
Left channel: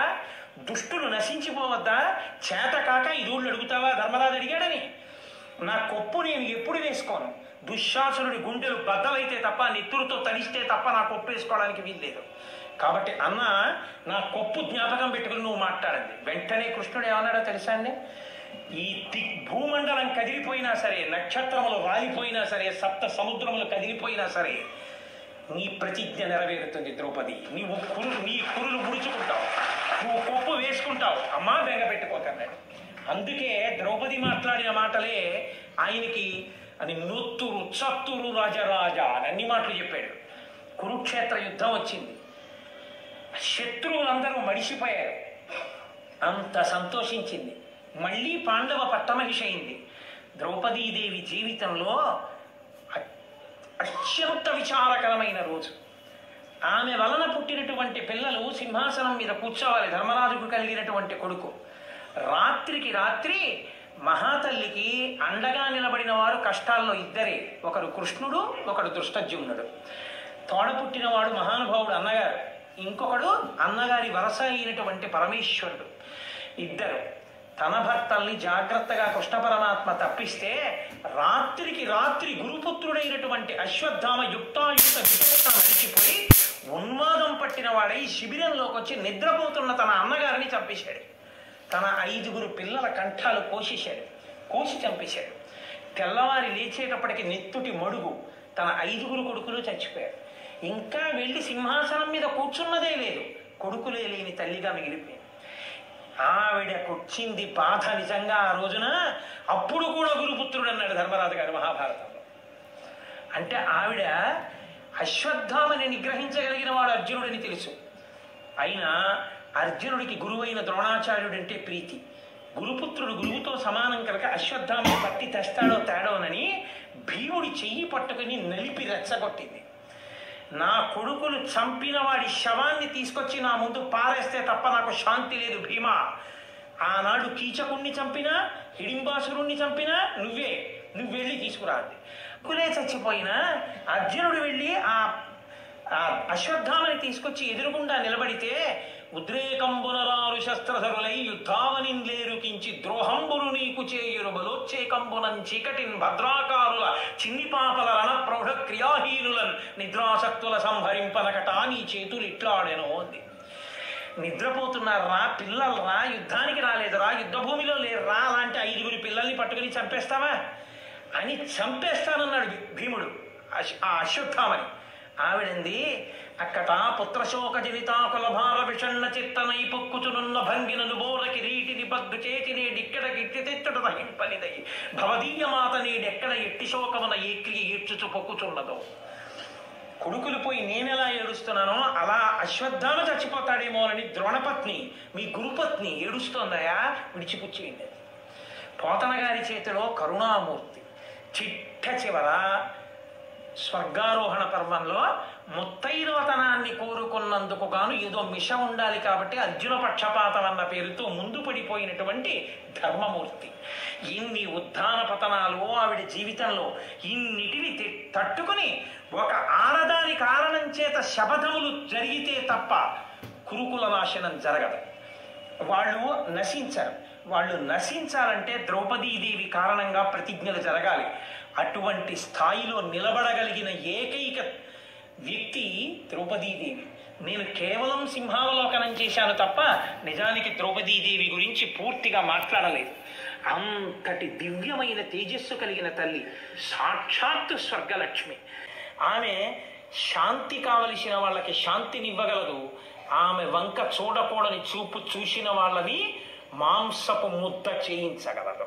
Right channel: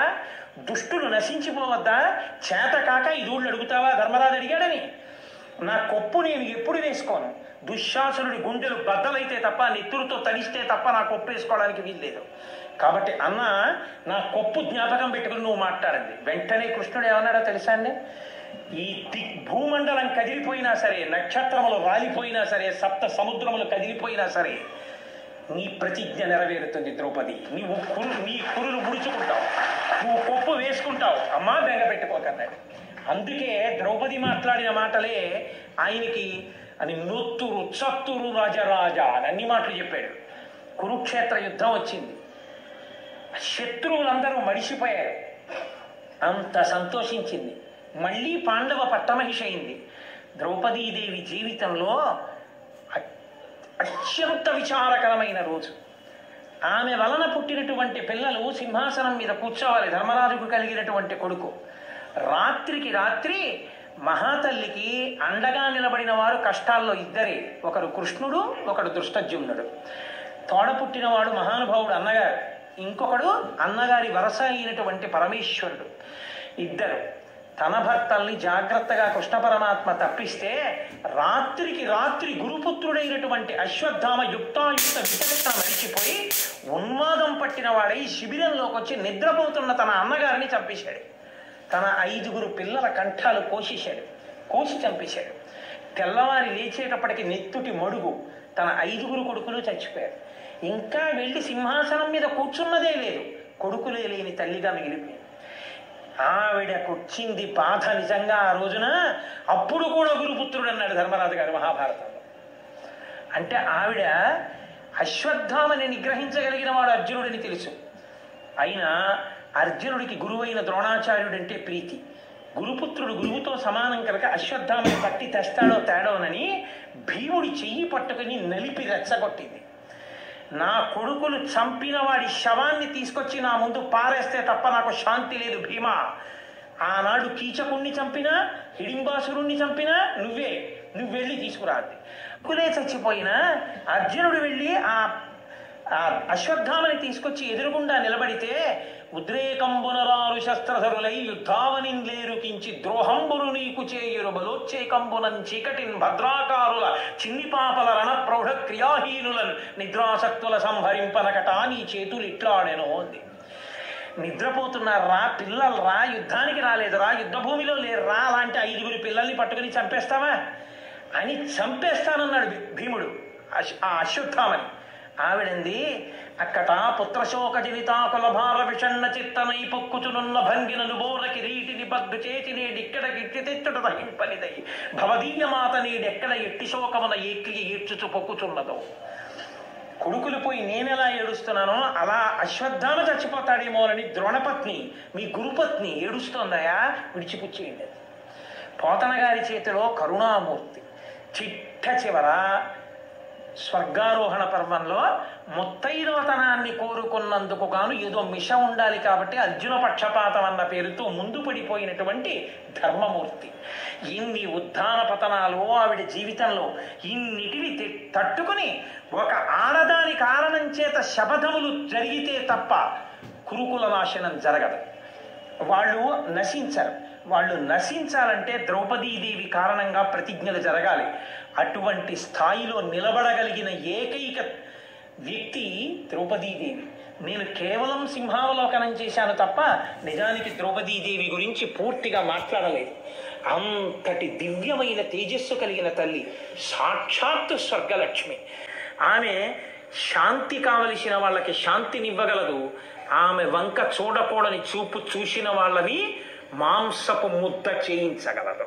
దుష్టులు నశించిపోవద్దా? చేత కాక 5 ఊళ్ళు అడుగుతావా? ధర్మరాజు అడిగాడని. నా కొప్పు నేను ఎప్పుడు వేసుకోను. దుశ్శాసురుడి గుండెలు బద్దలైతే తప్ప, నెత్తురుతో తలిస్తే తప్ప నా కొప్పు వేసుకోవడానికి వీల్లేదు. కాబట్టి అన్న, నా కొప్పు జ్ఞాపకం పెట్టుకుని నువ్వు మాట్లాడండి. వెంటనే కృష్ణుడు ఏమన్నాడో తెలుసా అండి? ఈ భూమండలం కదిలిపోయినా సరే, నక్షత్రములు రాలిపోయినా సరే, సప్త సముద్రములు కదిలిపోయినా సరే, నీ ప్రతిజ్ఞ నెరవేరుతుంది ద్రౌపది. నీ కురులు ముడుచుకుంటావు, నువ్వు కొప్పు వేసుకుంటావు. అమ్మా బెంగ పెట్టుకోకన్నాడు. అందుకే ద్రౌపది మాట్లాడిన మాటలే ఆయనకి అని నొత్తురు చత్తురు రాజరాజా అని అన్ని మాటలు చెప్పాడు. కురుక్షేత్ర యుద్ధం వచ్చింది, శత్రువులందరూ మడిసిపోయారు. అంత సంతోషించింది. మళ్ళీ పాండవ పట్టమహిషి అయింది. ద్రౌపదీదేవి జీవితంలో అత్యంత విచారకరమైన రోజు. ఆమె వలన పుట్టినటువంటి పిల్లలు సింహాసనం మీద కూర్చోవాలి. ధర్మరాజుకు కలిగినటువంటి కొడుకు. రాత్రికి రాత్రి మహాతల్లికి అండగా నిలబడిన వారు కష్టాల్లో ఇద్దరే. ఒకడు కృష్ణుడు, ఒకడు దృష్టజ్యుమ్నుడు. తోడ పుట్టినవాడు మహానుభావుడు అన్నగారు, ఇంకొకడు అన్నగారి వరస అయినటువంటి పరమేశ్వరుడు. ఇద్దరు తన భర్తల్ని జాగ్రత్తగా కృష్ణ పరమాత్మ తప్పిస్తే రాత్రికి రాత్రి గురుపుత్రుడైనటువంటి అశ్వత్థామ యుక్తాయుక్త విచక్షణ మరిచిపోయి ఉన్మాదం పట్టిన వాడై శిబిరంలోకి వచ్చి నిద్రపోతున్న తన అన్నగారిని చంపేశాడు. తన 5 పిల్లల కంఠాలు కోసి చంపేశాడు. తెల్లవారి లేచేటప్పటికి నెత్తుటి మడుగు. తన 5 కొడుకులు చచ్చిపోయారు. ఇంకా వెళ్ళి సింహాసనం మీద కూర్చున్నదే లేదు. కొడుకులే లేని తల్లిగా మిగిలిపోయింది. ఆవిడకొచ్చింది బాధ నిజంగా ఆ రోజున. అప్పుడు కూడా గురుపుత్రుడు అన్నాడు ధర్మరాజు గారు మహాభారతంలో. అంటే ఆవిడ అశ్వత్థామని నిగ్రహించగలిగిన వాడు అర్జునుడని తెలుసు. అయినా అర్జునుడికి గురువైన ద్రోణాచార్యుడంటే ప్రీతి. గురుపుత్రుడు గురువుతో సమానం కనుక అశ్వత్థామని పట్టి తెస్తాడో తేడోనని భీముడి చెయ్యి పట్టుకుని నలిపి రెచ్చగొట్టింది. నా కొడుకులు చంపిన వాడి శవాన్ని తీసుకొచ్చి నా ముందు పారేస్తే తప్ప నాకు శాంతి లేదు భీమా. ఆనాడు కీచకుణ్ణి చంపినా, హిడింబాసురుణ్ణి చంపినా నువ్వు వెళ్ళి తీసుకురాదు. కులే చచ్చిపోయినా అర్జునుడు వెళ్ళి ఆ అశ్వత్థామని తీసుకొచ్చి ఎదురుగుండా నిలబడితే ఉద్రేకంబునరారు శస్త్రధరులై యుద్ధావనింలేరు కించి ద్రోహంబును నీకు చేయురు బలోచ్చేకంబునం చీకటిన్ భద్రాకారుల చిన్ని పాపల రణ ప్రౌఢ క్రియాహీనులను నిద్రాసక్తుల సంహరింపనకట నీ చేతులు ఇట్లాడెనో అంది. నిద్రపోతున్నారా పిల్లలు రా, యుద్ధానికి రాలేదురా, యుద్ధ భూమిలో లేరురా, అలాంటి 5 పిల్లల్ని పట్టుకుని చంపేస్తావా అని చంపేస్తానన్నాడు భీముడు ఆ అశ్వత్థామని. ఆవిడంది, అక్కట పుత్రశోక జనితాకుల భార విషణ్ణ చిత్తనై పొక్కుచునున్న భంగినను బోర కిరీటిని బద్దు చేతి నేడిక్కడ గిట్టి తెచ్చుట సహింపనిదై భవదీయ మాత నేడెక్కడ ఎట్టి శోకమున ఏక్కి ఈడ్చుచు పొక్కుచున్నదో. కొడుకులు పోయి నేనెలా ఏడుస్తున్నానో అలా అశ్వత్థామ చచ్చిపోతాడేమోనని ద్రోణపత్ని, మీ గురుపత్ని ఏడుస్తోందయా, విడిచిపుచ్చేయండి. పోతన గారి చేతిలో కరుణామూర్తి. చిట్ట చివర స్వర్గారోహణ పర్వంలో ముత్తైదవతనాన్ని కోరుకున్నందుకు గాను ఏదో మిష ఉండాలి కాబట్టి అర్జున పక్షపాతం అన్న పేరుతో ముందు పడిపోయినటువంటి ధర్మమూర్తి. ఇన్ని ఉద్ధాన పతనాలు ఆవిడ జీవితంలో, ఇన్నిటిని తట్టుకుని ఒక ఆడదాని కారణం చేత శపథములు జరిగితే తప్ప కురుకుల నాశనం జరగదు. వాళ్ళు నశించరు. వాళ్ళు నశించాలంటే ద్రౌపదీదేవి కారణంగా ప్రతిజ్ఞలు జరగాలి. అటువంటి స్థాయిలో నిలబడగలిగిన ఏకైక వ్యక్తి ద్రౌపదీదేవి. నేను కేవలం సింహావలోకనం చేశాను తప్ప నిజానికి ద్రౌపదీదేవి గురించి పూర్తిగా మాట్లాడలేదు. అంతటి దివ్యమైన తేజస్సు కలిగిన తల్లి, సాక్షాత్తు స్వర్గలక్ష్మి. ఆమె శాంతి కావలసిన వాళ్ళకి శాంతినివ్వగలదు. ఆమె వంక చూడకూడని చూపు చూసిన వాళ్ళని మాంసపు ముద్ద చేయించగలదు.